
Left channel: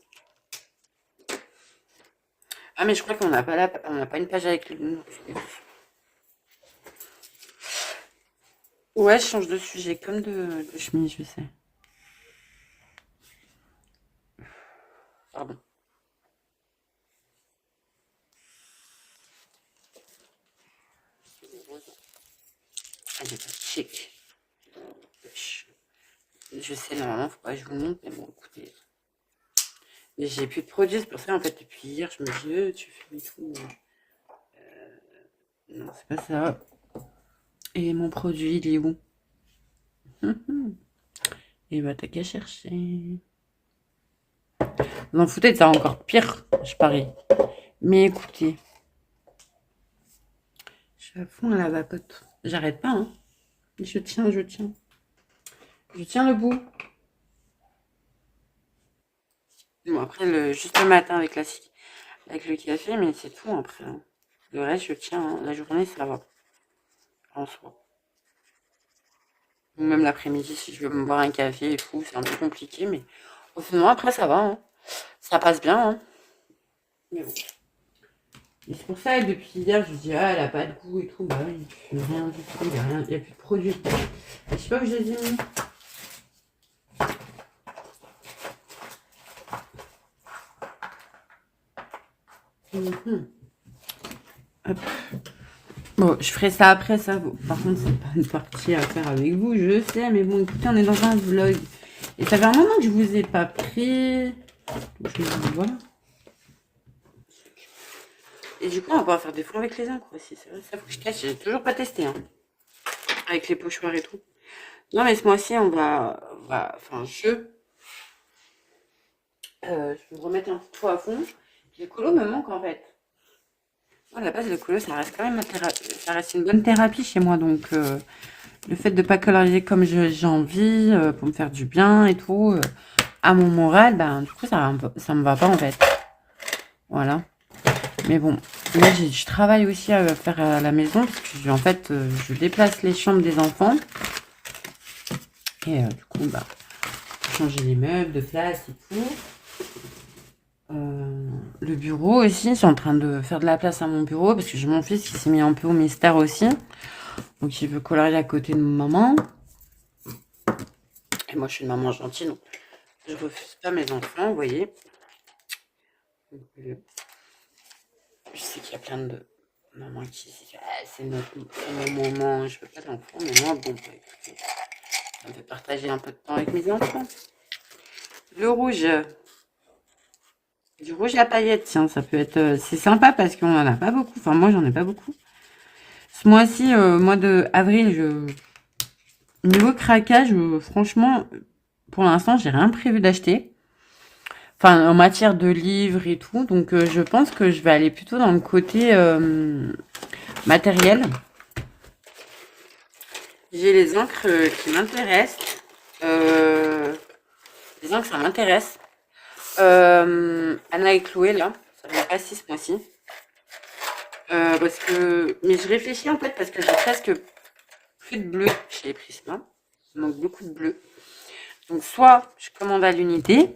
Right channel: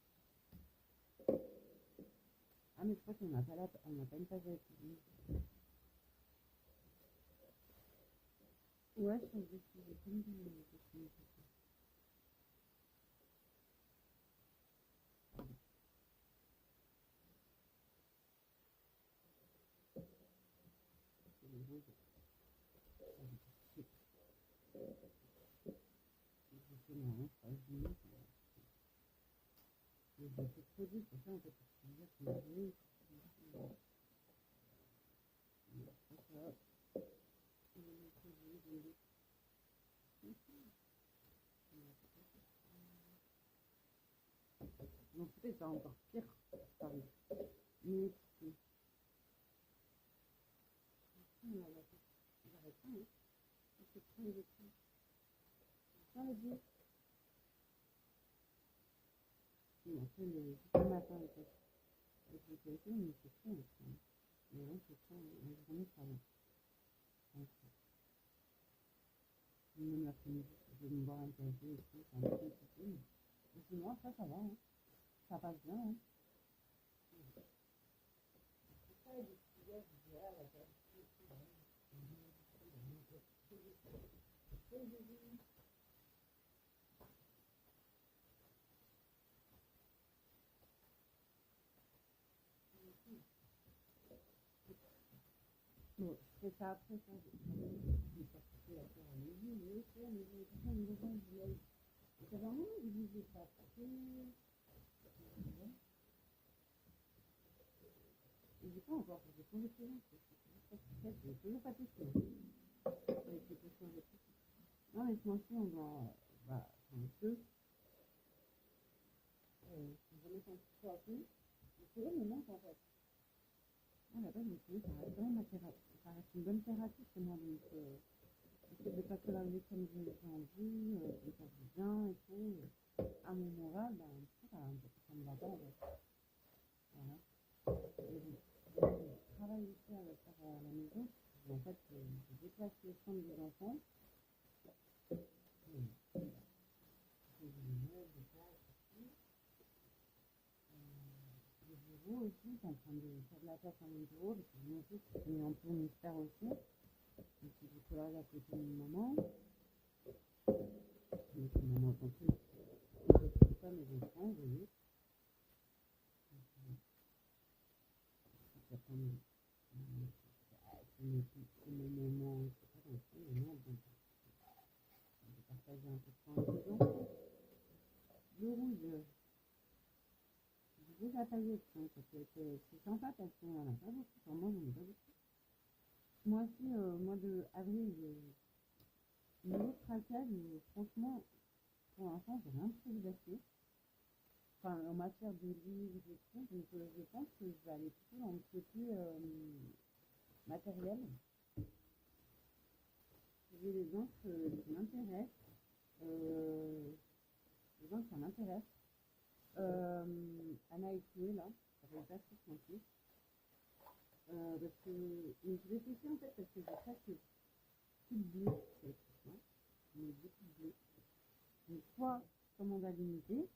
Ah, mais je crois qu'on n'a pas on n'a pas une page avec le bisounours. Ouais, je change de sujet comme de chemise, je sais. Pardon. Ah, j'ai pas chic. Je sais, normalement, faut pas que je vous montre, mais bon, écoutez. J'ai plus de produits, c'est pour ça, en fait, depuis hier, je me dis, tu fais tout. Non, c'est pas ça. Et mon produit, il est où? Et bah, t'as qu'à chercher. Vous en foutez, ça encore pire, je parie. Mais écoutez, je suis à fond à la vapote. J'arrête pas, hein. Je tiens, je tiens. Je tiens le bout. Bon, après, juste le matin avec avec le café, mais c'est tout après, hein. Le reste, je tiens, hein. La journée, ça va. En soi. Ou même l'après-midi, si je veux me boire un café et tout, c'est un peu compliqué, mais sinon, après, ça va, hein. Ça passe bien, hein. Mais bon. Et c'est pour ça, depuis hier, je me dis, ah, elle a pas de goût et tout. Bah oui, rien du tout, il n'y a plus de produits. Je sais pas où je les ai mis. Hop. Bon, je ferai ça après ça. Bon, par contre, c'est pas une partie à faire avec vous, je sais. Mais bon, écoutez, on est dans un vlog. Et ça fait un moment que je vous ai pas pris. Donc, je me dis, voilà. Et du coup, on va pouvoir faire des fonds avec les encres aussi. C'est vrai, ça faut que je teste. J'ai toujours pas testé, hein. Avec les pochoirs et tout. Non, mais ce mois-ci, enfin, je vais me remettre un petit peu à fond. Les colos me manquent en fait. À la base, le colo, ça reste quand même ça reste une bonne thérapie chez moi. Donc, le fait de pas colorier comme j'ai envie, pour me faire du bien et tout, à mon moral, ben, du coup, ça me va pas en fait. Voilà. Mais bon, là, je travaille aussi à faire à la maison parce que, en fait, je déplace les chambres des enfants. Et du coup, bah, changer les meubles de place et tout. Le bureau aussi, je suis en train de faire de la place à mon bureau parce que j'ai mon fils qui s'est mis un peu au mystère aussi. Donc il veut colorier à côté de maman. Et moi je suis une maman gentille, donc je refuse pas mes enfants, vous voyez. Donc, je sais qu'il y a plein de mamans qui disent ah, c'est mon moment, je veux pas d'enfants, mais moi bon, bah, écoutez, ça me fait partager un peu de temps avec mes enfants. Le rouge. Du rouge à paillettes, tiens, ça peut être... c'est sympa parce qu'on en a pas beaucoup. Enfin, moi, j'en ai pas beaucoup. Ce mois-ci, mois de avril, niveau craquage, franchement, pour l'instant, j'ai rien prévu d'acheter. Enfin, en matière de livres et tout. Donc, je pense que je vais aller plutôt dans le côté matériel. J'ai les encres qui m'intéressent. Les encres, ça m'intéresse. Anna et Chloé, là, ça va passer ce mois-ci. Mais je réfléchis en fait parce que j'ai presque plus de bleu chez Prisma. Il manque beaucoup de bleu. Donc soit je commande à l'unité,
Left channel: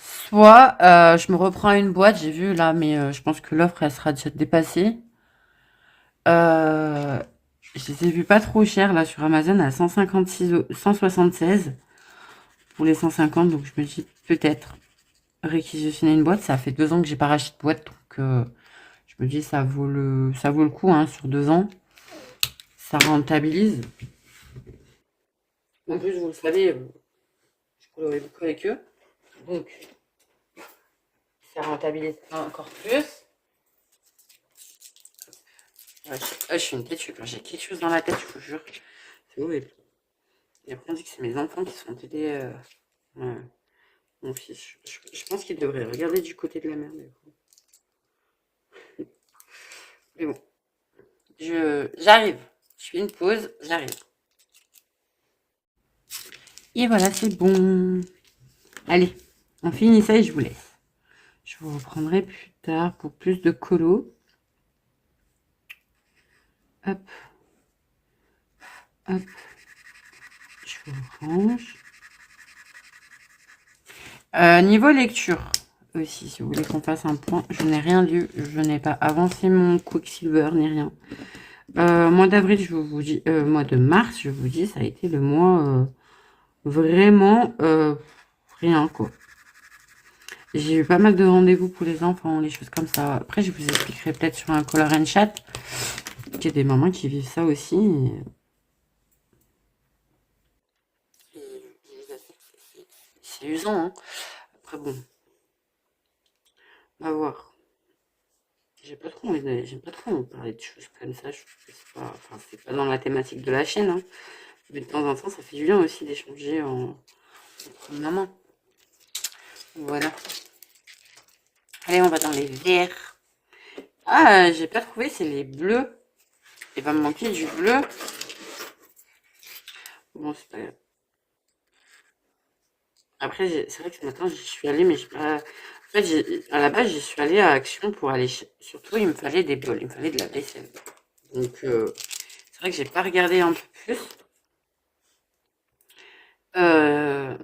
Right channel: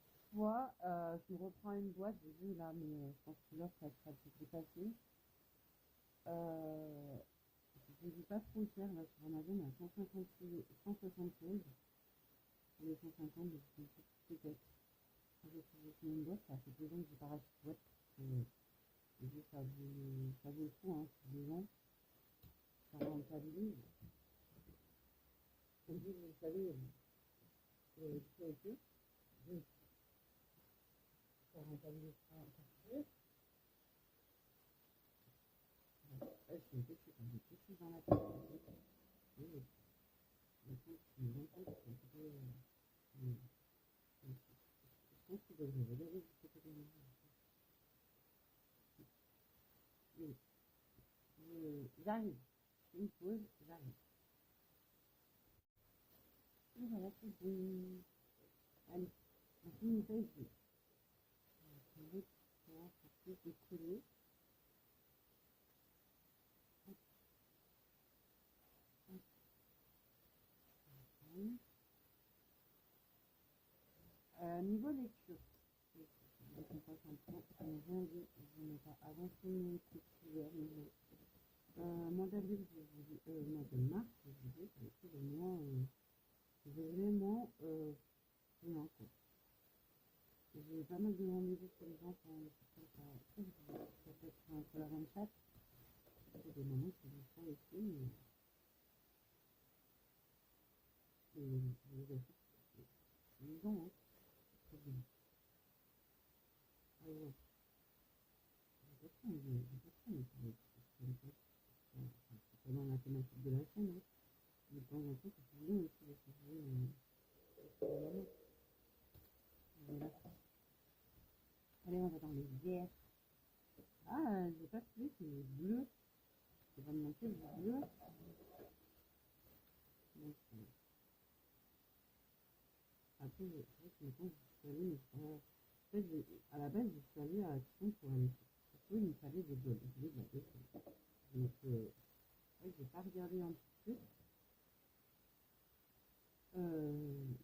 soit je me reprends une boîte. J'ai vu là, mais je pense que l'offre elle sera déjà dépassée. Je les ai vus pas trop cher là sur Amazon à 176 pour les 150. Donc je me dis peut-être réquisitionner une boîte. Ça fait 2 ans que j'ai pas racheté de boîte, donc je me dis ça vaut le coup hein, sur 2 ans. Ça rentabilise. En plus, vous le savez, je colorie beaucoup avec eux. Donc, ça rentabilise encore plus. Ouais, je suis une têtue. Quand j'ai quelque chose dans la tête, je vous jure. C'est horrible. Et après, on dit que c'est mes enfants qui sont aidés. Mon fils. Je pense qu'il devrait regarder du côté de la mer. Mais bon. J'arrive. Je fais une pause. J'arrive. Et voilà, c'est bon. Allez, on finit ça et je vous laisse. Je vous reprendrai plus tard pour plus de colos. Hop. Hop. Je vous range. Niveau lecture aussi, si vous voulez qu'on fasse un point, je n'ai rien lu. Je n'ai pas avancé mon Quicksilver ni rien. Mois d'avril, je vous dis, mois de mars, je vous dis, ça a été le mois vraiment rien quoi. J'ai eu pas mal de rendez-vous pour les enfants, les choses comme ça. Après, je vous expliquerai peut-être sur un Color and Chat. Il y a des mamans qui vivent ça aussi. C'est usant, hein. Après, bon, on va voir. J'ai pas trop envie de parler de choses comme ça. Je trouve que c'est pas dans la thématique de la chaîne, hein. Mais de temps en temps, ça fait du bien aussi d'échanger entre maman. Voilà. Allez, on va dans les verts. Ah, j'ai pas trouvé, c'est les bleus. Il va me manquer du bleu. Bon, c'est pas grave. Après, c'est vrai que ce matin, j'y suis allée, mais j'ai pas... En fait, à la base, j'y suis allée à Action pour aller... Surtout, il me fallait des bols, il me fallait de la vaisselle. Donc, c'est vrai que j'ai pas regardé un peu plus. Ce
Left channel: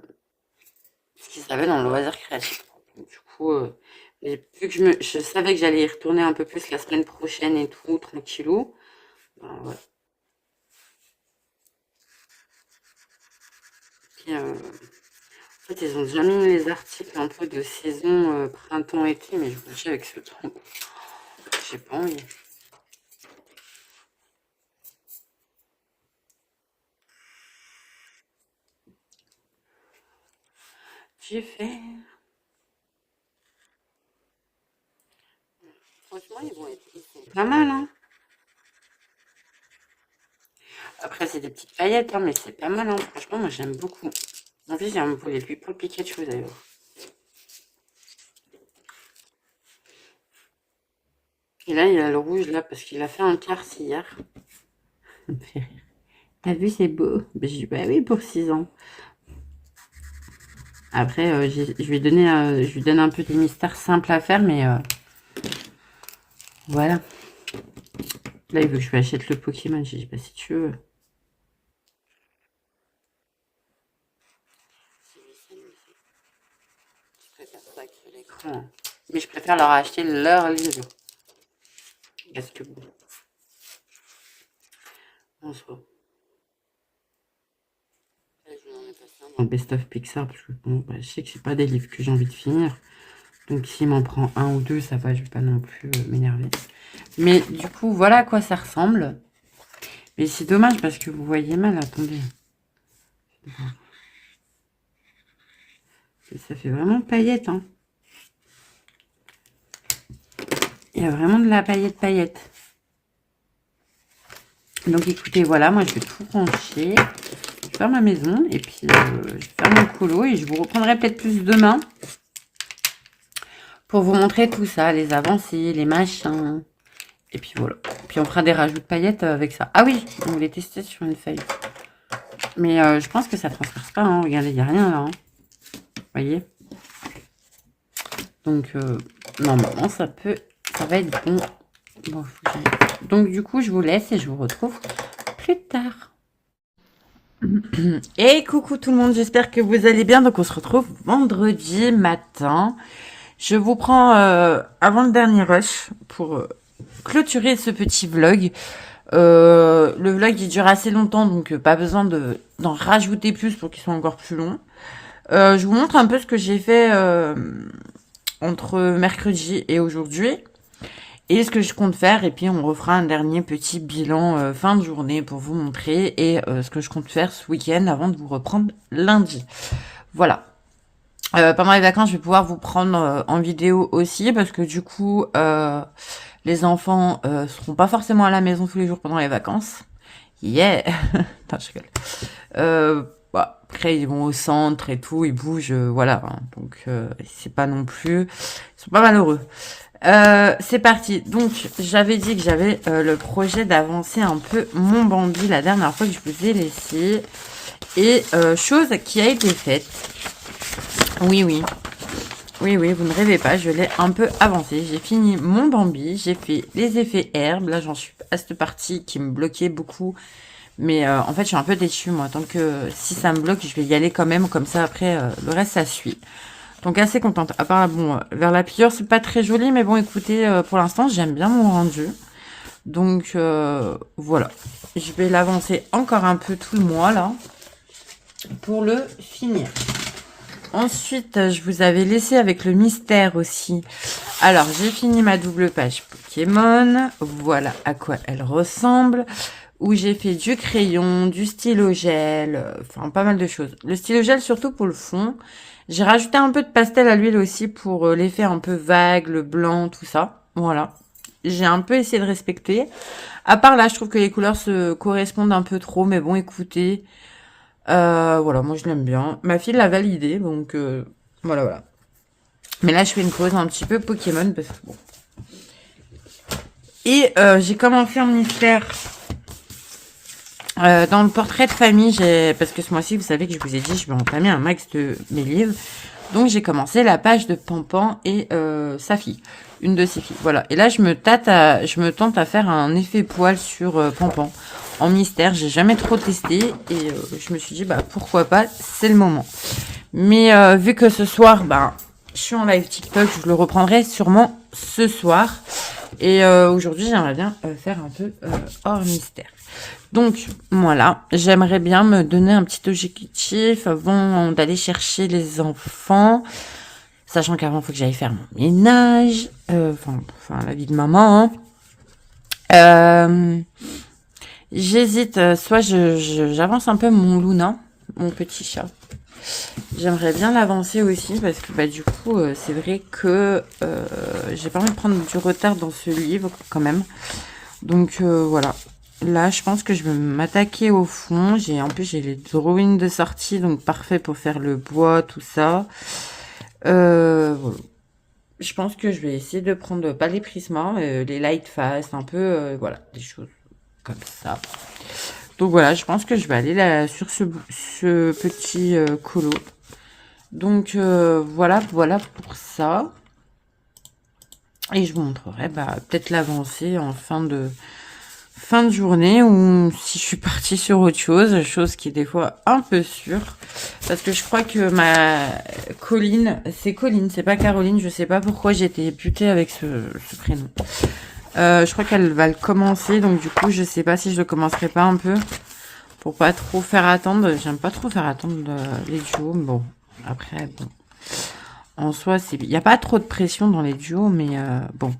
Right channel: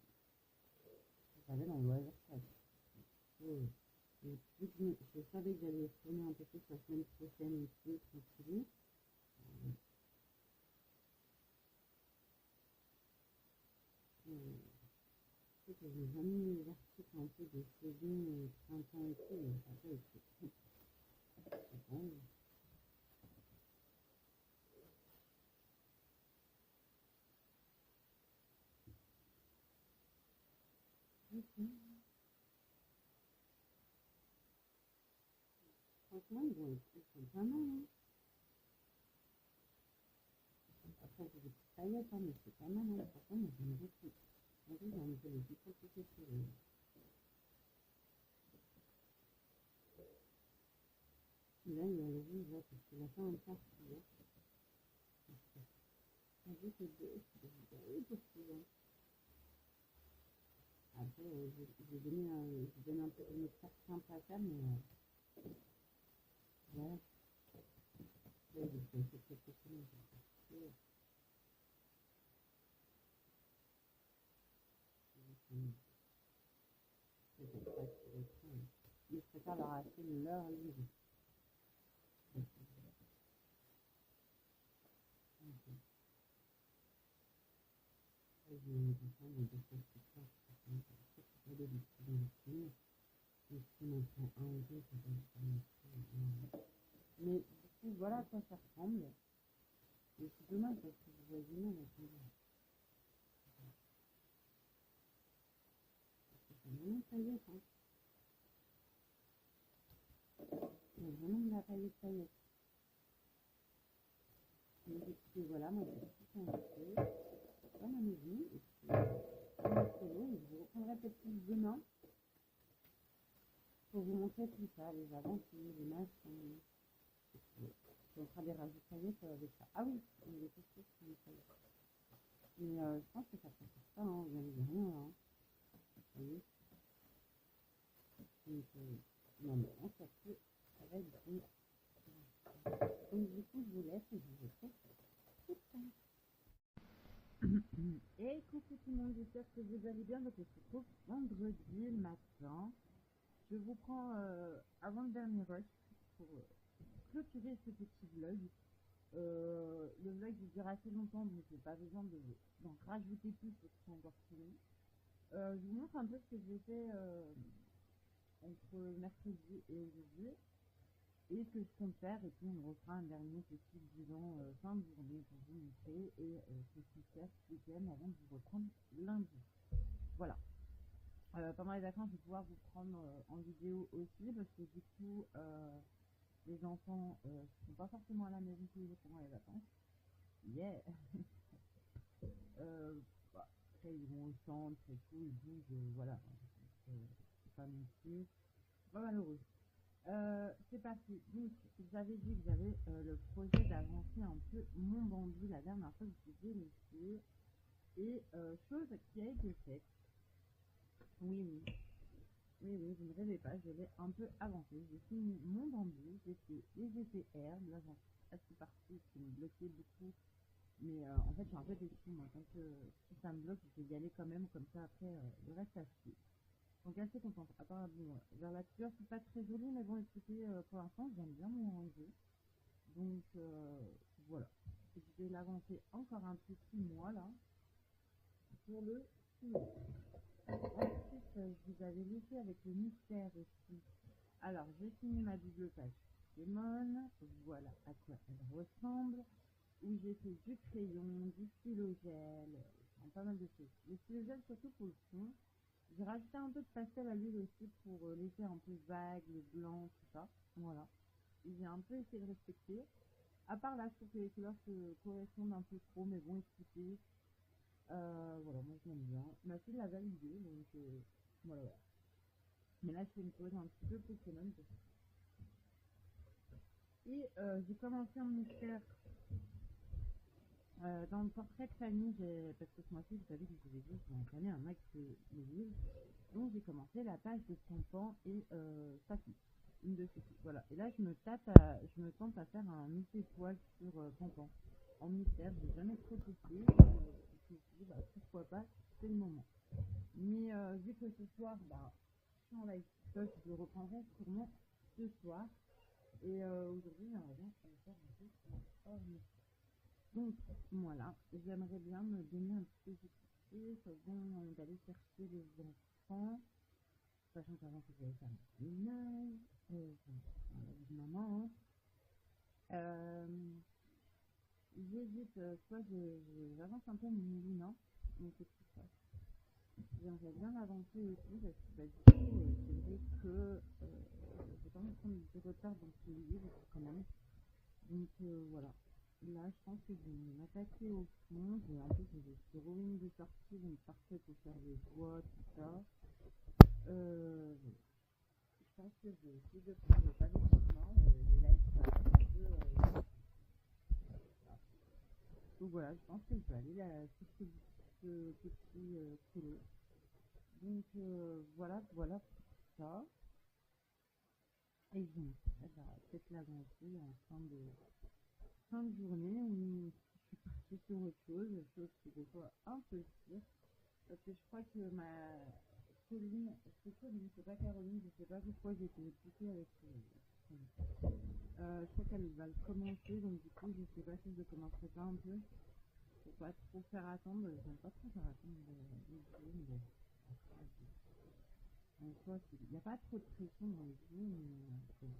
qu'ils avaient dans le loisir créatif. Donc, du coup, coup, vu que je savais que j'allais y retourner un peu plus la semaine prochaine et tout, tranquillou. Ben, ouais. Puis, en fait, ils ont déjà mis les articles un peu de saison printemps-été, mais je vous dis avec ce temps, j'ai pas envie. J'ai fait. Franchement, ils sont pas mal, hein. Après, c'est des petites paillettes, hein, mais c'est pas mal, hein. Franchement, moi, j'aime beaucoup. En plus, j'ai un voulait lui pour le Pikachu, d'ailleurs. Et là, il a le rouge, là, parce qu'il a fait un quart hier. Ça me fait rire. T'as vu, c'est beau. Ben, j'ai dit, bah oui, pour 6 ans. Après, je lui donne un peu des mystères simples à faire, mais voilà. Là, il veut que je lui achète le Pokémon. J'ai dit, bah si tu veux. Si lui s'amuse. Je préfère ça que l'écran, hein. Mais je préfère leur acheter leur livre. Parce que bon, en soi. Là, je vais en ai passé un dans le Best of Pixar, parce que bon, bah, je sais que c'est pas des livres que j'ai envie de finir. Donc s'il m'en prend un ou deux, ça va, je vais pas non plus m'énerver. Mais du coup, voilà à quoi ça ressemble. Mais c'est dommage parce que vous voyez mal, attendez. Ça fait vraiment paillette, hein. Il y a vraiment de la paillette. Donc écoutez, voilà, moi je vais tout ranger. Je vais faire ma maison et puis je vais faire mon colo et je vous reprendrai peut-être plus demain pour vous montrer tout ça, les avancées, les machins. Et puis voilà. Puis on fera des rajouts de paillettes avec ça. Ah oui, on voulait tester sur une feuille. Mais je pense que ça ne transperce pas, hein. Regardez, il n'y a rien là, hein. Vous voyez? Donc normalement ça va être bon. Bon, donc du coup je vous laisse et je vous retrouve plus tard. Et coucou tout le monde, j'espère que vous allez bien. Donc on se retrouve vendredi matin. Je vous prends avant le dernier rush pour clôturer ce petit vlog. Le vlog il dure assez longtemps, donc pas besoin d'en rajouter plus pour qu'il soit encore plus long. Je vous montre un peu ce que j'ai fait entre mercredi et aujourd'hui. Et ce que je compte faire, et puis on refera un dernier petit bilan fin de journée pour vous montrer, et ce que je compte faire ce week-end avant de vous reprendre lundi. Voilà. Pendant les vacances, je vais pouvoir vous prendre en vidéo aussi, parce que du coup, les enfants seront pas forcément à la maison tous les jours pendant les vacances. Yeah. Non, je rigole. Bah, après, ils vont au centre et tout, ils bougent, voilà. Hein. Donc, c'est pas non plus... Ils sont pas malheureux. C'est parti. Donc, j'avais dit que j'avais le projet d'avancer un peu mon Bambi la dernière fois que je vous ai laissé. Et chose qui a été faite. Oui, oui. Oui, oui, vous ne rêvez pas, je l'ai un peu avancé. J'ai fini mon Bambi, j'ai fait les effets herbes. Là, j'en suis à cette partie qui me bloquait beaucoup. Mais en fait, je suis un peu déçue, moi. Tant que si ça me bloque, je vais y aller quand même. Comme ça, après, le reste, ça suit. Donc assez contente. À part, bon, vers la pieuvre, c'est pas très joli, mais bon, écoutez, pour l'instant, j'aime bien mon rendu. Donc, voilà. Je vais l'avancer encore un peu tout le mois, là, pour le finir. Ensuite, je vous avais laissé avec le mystère aussi. Alors, j'ai fini ma double page Pokémon. Voilà à quoi elle ressemble. Où j'ai fait du crayon, du stylo gel, enfin, pas mal de choses. Le stylo gel, surtout pour le fond. J'ai rajouté un peu de pastel à l'huile aussi pour l'effet un peu vague, le blanc, tout ça. Voilà. J'ai un peu essayé de respecter. À part là, je trouve que les couleurs se correspondent un peu trop. Mais bon, écoutez. Voilà, moi je l'aime bien. Ma fille l'a validé, donc voilà, voilà. Mais là, je fais une pause un petit peu Pokémon. Parce que, bon. Et j'ai commencé un mystère dans le portrait de famille, parce que ce mois-ci, vous savez que je vous ai dit, je vais entamer un max de mes livres. Donc, j'ai commencé la page de Pampan et sa fille. Une de ses filles. Voilà. Et là, je me tente à faire un effet poil sur Pampan. En mystère, j'ai jamais trop testé. Et je me suis dit, bah pourquoi pas, c'est le moment. Mais vu que ce soir, bah, je suis en live TikTok, je le reprendrai sûrement ce soir. Et aujourd'hui, j'aimerais bien faire un peu hors mystère. Donc, voilà, j'aimerais bien me donner un petit objectif avant d'aller chercher les enfants. Sachant qu'avant, il faut que j'aille faire mon ménage. Enfin, la vie de maman. J'hésite, soit j'avance un peu mon Luna, mon petit chat. J'aimerais bien l'avancer aussi parce que bah, du coup, c'est vrai que j'ai pas envie de prendre du retard dans ce livre quand même. Donc voilà. Là, je pense que je vais m'attaquer au fond. En plus, j'ai les drawings de sortie, donc parfait pour faire le bois, tout ça. Voilà. Je pense que je vais essayer de prendre pas les prismas, les light fast, un peu, voilà, des choses comme ça. Donc voilà, je pense que je vais aller là sur ce petit colo. Donc voilà pour ça. Et je vous montrerai peut-être l'avancée en fin de journée ou si je suis partie sur autre chose qui est des fois un peu sûre. Parce que je crois que ma Colline, c'est Colline, c'est pas Caroline, je sais pas pourquoi j'ai été butée avec ce prénom. Je crois qu'elle va le commencer, donc du coup je sais pas si je le commencerai pas un peu pour pas trop faire attendre. J'aime pas trop faire attendre les duos, mais bon, après, bon. En soi, il n'y a pas trop de pression dans les duos, mais bon.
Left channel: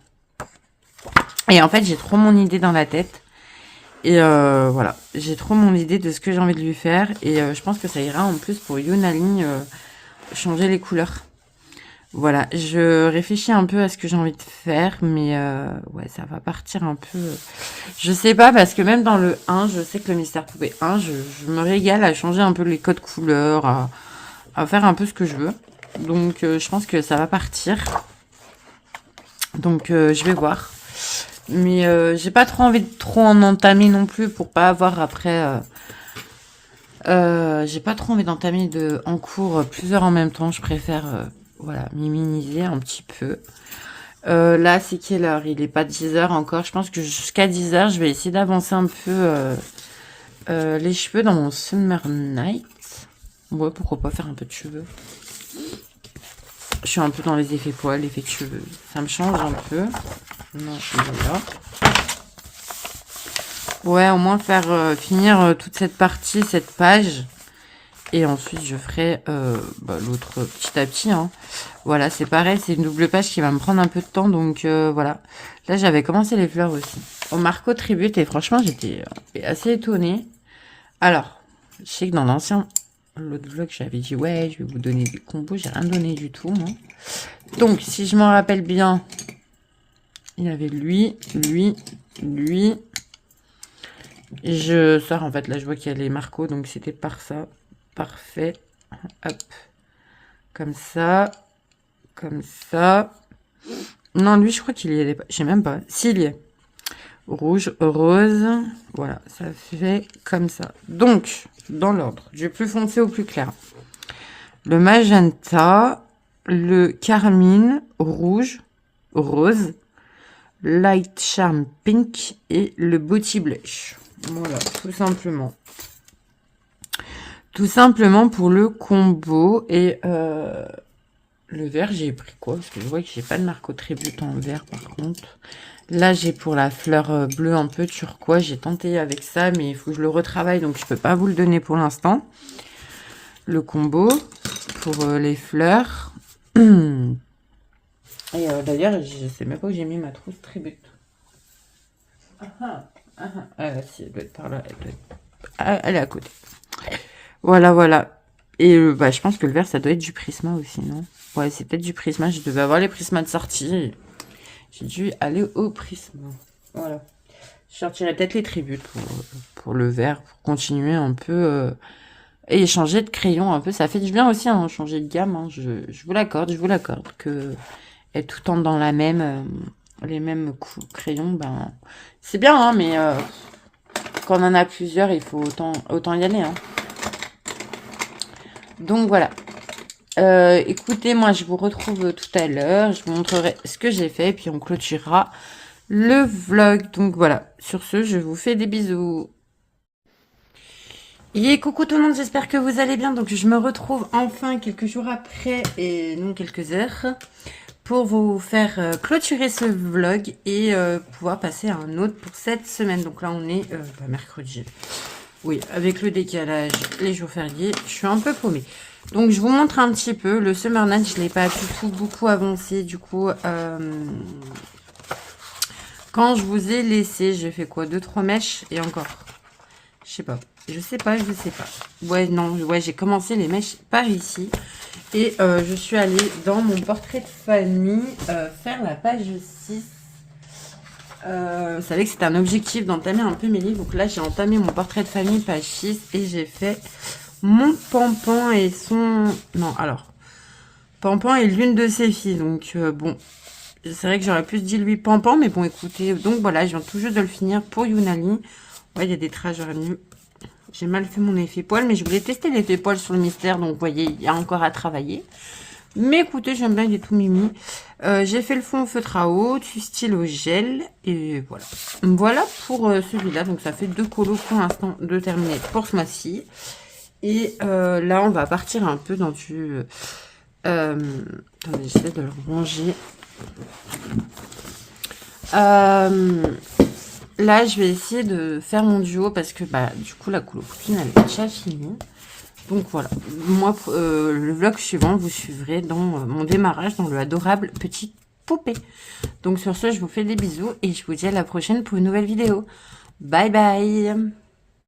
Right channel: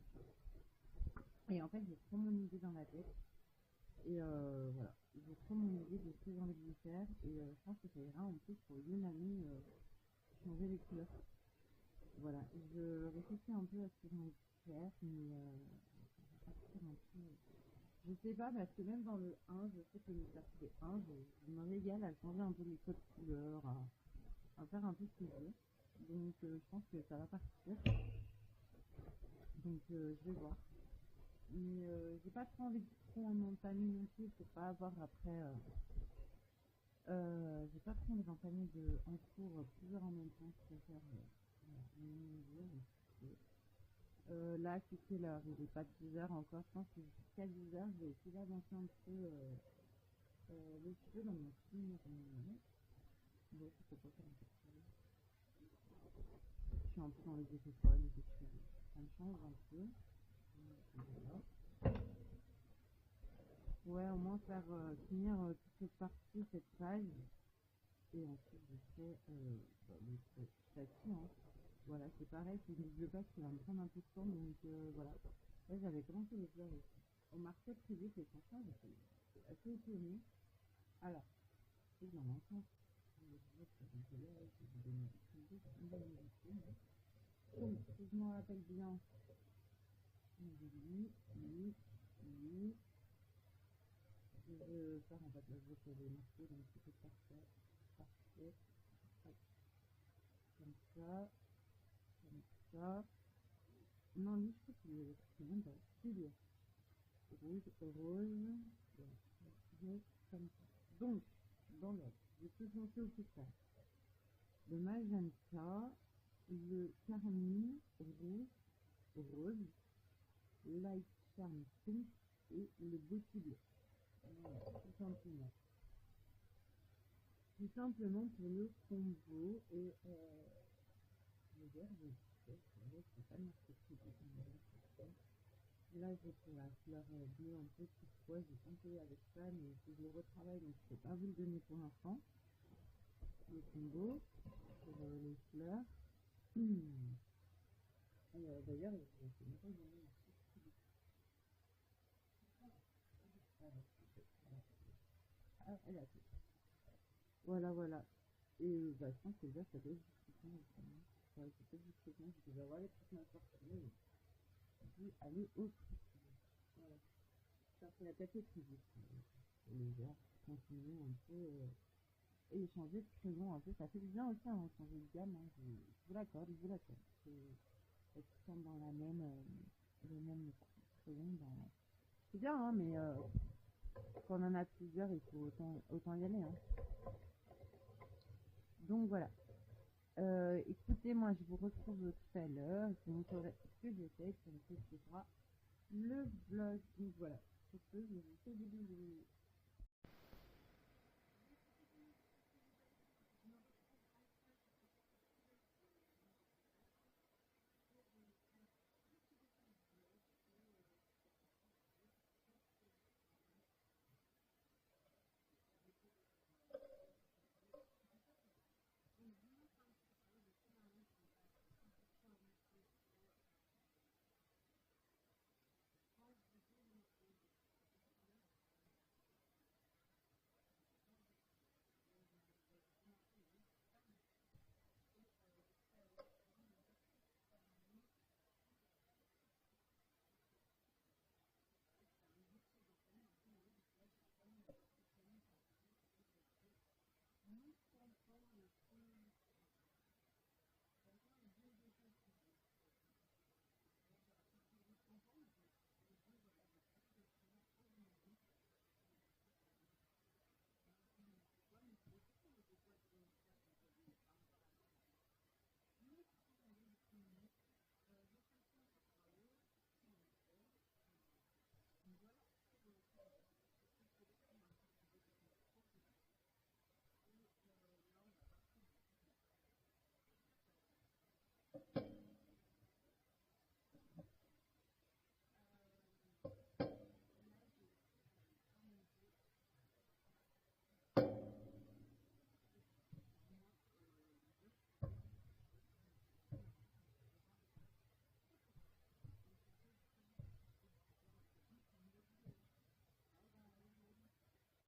Et en fait, j'ai trop mon idée dans la tête. Et voilà, j'ai trop mon idée de ce que j'ai envie de lui faire. Et je pense que ça ira en plus pour Yunali changer les couleurs. Voilà, je réfléchis un peu à ce que j'ai envie de faire. Mais ouais, ça va partir un peu... Je sais pas, parce que même dans le 1, je sais que le Mystère Poupée 1, je me régale à changer un peu les codes couleurs, à faire un peu ce que je veux. Donc je pense que ça va partir. Donc je vais voir. Mais j'ai pas trop envie de trop en entamer non plus pour pas avoir après... j'ai pas trop envie d'entamer en cours plusieurs en même temps. Je préfère voilà, minimiser un petit peu. Là, c'est quelle heure? Il est pas 10h encore. Je pense que jusqu'à 10h, je vais essayer d'avancer un peu les cheveux dans mon Summer Night. Ouais, pourquoi pas faire un peu de cheveux. Je suis un peu dans les effets poils, effets de cheveux. Ça me change un peu. Non, voilà. Ouais, au moins faire finir toute cette partie, cette page. Et ensuite, je ferai l'autre petit à petit. Hein. Voilà, c'est pareil, c'est une double page qui va me prendre un peu de temps. Donc voilà. Là, j'avais commencé les fleurs aussi. Au Marco Tribute, et franchement, j'étais assez étonnée. Alors, je sais que dans l'autre vlog, j'avais dit, ouais, je vais vous donner des combos. J'ai rien donné du tout, moi. Donc, si je m'en rappelle bien, il y avait lui. Je sors, en fait, là, je vois qu'il y a les Marco, donc c'était par ça. Parfait. Hop. Comme ça. Comme ça. Non, lui, je crois qu'il y est. Je sais même pas. S'il y est. Rouge, rose. Voilà, ça fait comme ça. Donc, dans l'ordre, du plus foncé au plus clair. Le magenta, le carmine, rouge, rose, light charm pink et le body blush. Voilà, tout simplement. Tout simplement pour le combo. Et le vert, j'ai pris quoi? Parce que je vois que j'ai pas de Marco Tribute en vert par contre. Là, j'ai pour la fleur bleue un peu turquoise. J'ai tenté avec ça, mais il faut que je le retravaille. Donc, je peux pas vous le donner pour l'instant. Le combo pour les fleurs. Et d'ailleurs, je sais même pas où j'ai mis ma trousse Tribute. Si, elle doit être par là. Elle est à côté. Voilà, voilà. Et je pense que le vert, ça doit être du Prisma aussi, non? Ouais, c'est peut-être du Prisma. Je devais avoir les Prismas de sortie. J'ai dû aller au Prisma. Voilà. Je sortirai peut-être les tributes pour le vert, pour continuer un peu. Et changer de crayon un peu. Ça fait du bien aussi, hein, changer de gamme. Hein. Je vous l'accorde, que être tout le temps dans les mêmes crayons, c'est bien, hein, mais quand on en a plusieurs, il faut autant y aller. Hein. Donc voilà. Écoutez, moi je vous retrouve tout à l'heure. Je vous montrerai ce que j'ai fait. Et puis on clôturera le vlog. Donc voilà. Sur ce, je vous fais des bisous. Et coucou tout le monde, j'espère que vous allez bien. Donc je me retrouve enfin quelques jours après, et non quelques heures, pour vous faire clôturer ce vlog et pouvoir passer à un autre pour cette semaine. Donc là on est mercredi. Oui, avec le décalage, les jours fériés, je suis un peu paumée. Donc je vous montre un petit peu. Le Summer Night, je ne l'ai pas du tout beaucoup avancé. Du coup, quand je vous ai laissé, j'ai fait quoi, 2-3 mèches et encore. Je sais pas. Je sais pas. Ouais, non, ouais, j'ai commencé les mèches par ici. Et je suis allée dans mon portrait de famille faire la page 6. Vous savez que c'est un objectif d'entamer un peu mes livres. Donc là, j'ai entamé mon portrait de famille, page 6. Et j'ai fait mon Pampan et son... Non, alors. Pampan et l'une de ses filles. Donc, bon. C'est vrai que j'aurais plus dit lui Pampan. Mais bon, écoutez. Donc voilà, je viens tout juste de le finir pour Yunali. Ouais, il y a des traces, j'aurais mieux. J'ai mal fait mon effet poil, mais je voulais tester l'effet poil sur le mystère, donc vous voyez, il y a encore à travailler. Mais écoutez, j'aime bien, il est tout mimi. J'ai fait le fond au feutre à eau, du stylo gel, et voilà. Voilà pour celui-là, donc ça fait 2 colos pour l'instant de terminer pour ce mois-ci. Et là, on va partir un peu dans du... attendez, j'essaie de le ranger. Là, je vais essayer de faire mon duo parce que bah, du coup, la coulopine, elle est déjà finie. Donc voilà, moi, le vlog suivant, vous suivrez dans mon démarrage dans le adorable petite poupée. Donc sur ce, je vous fais des bisous et je vous dis à la prochaine pour une nouvelle vidéo. Bye bye!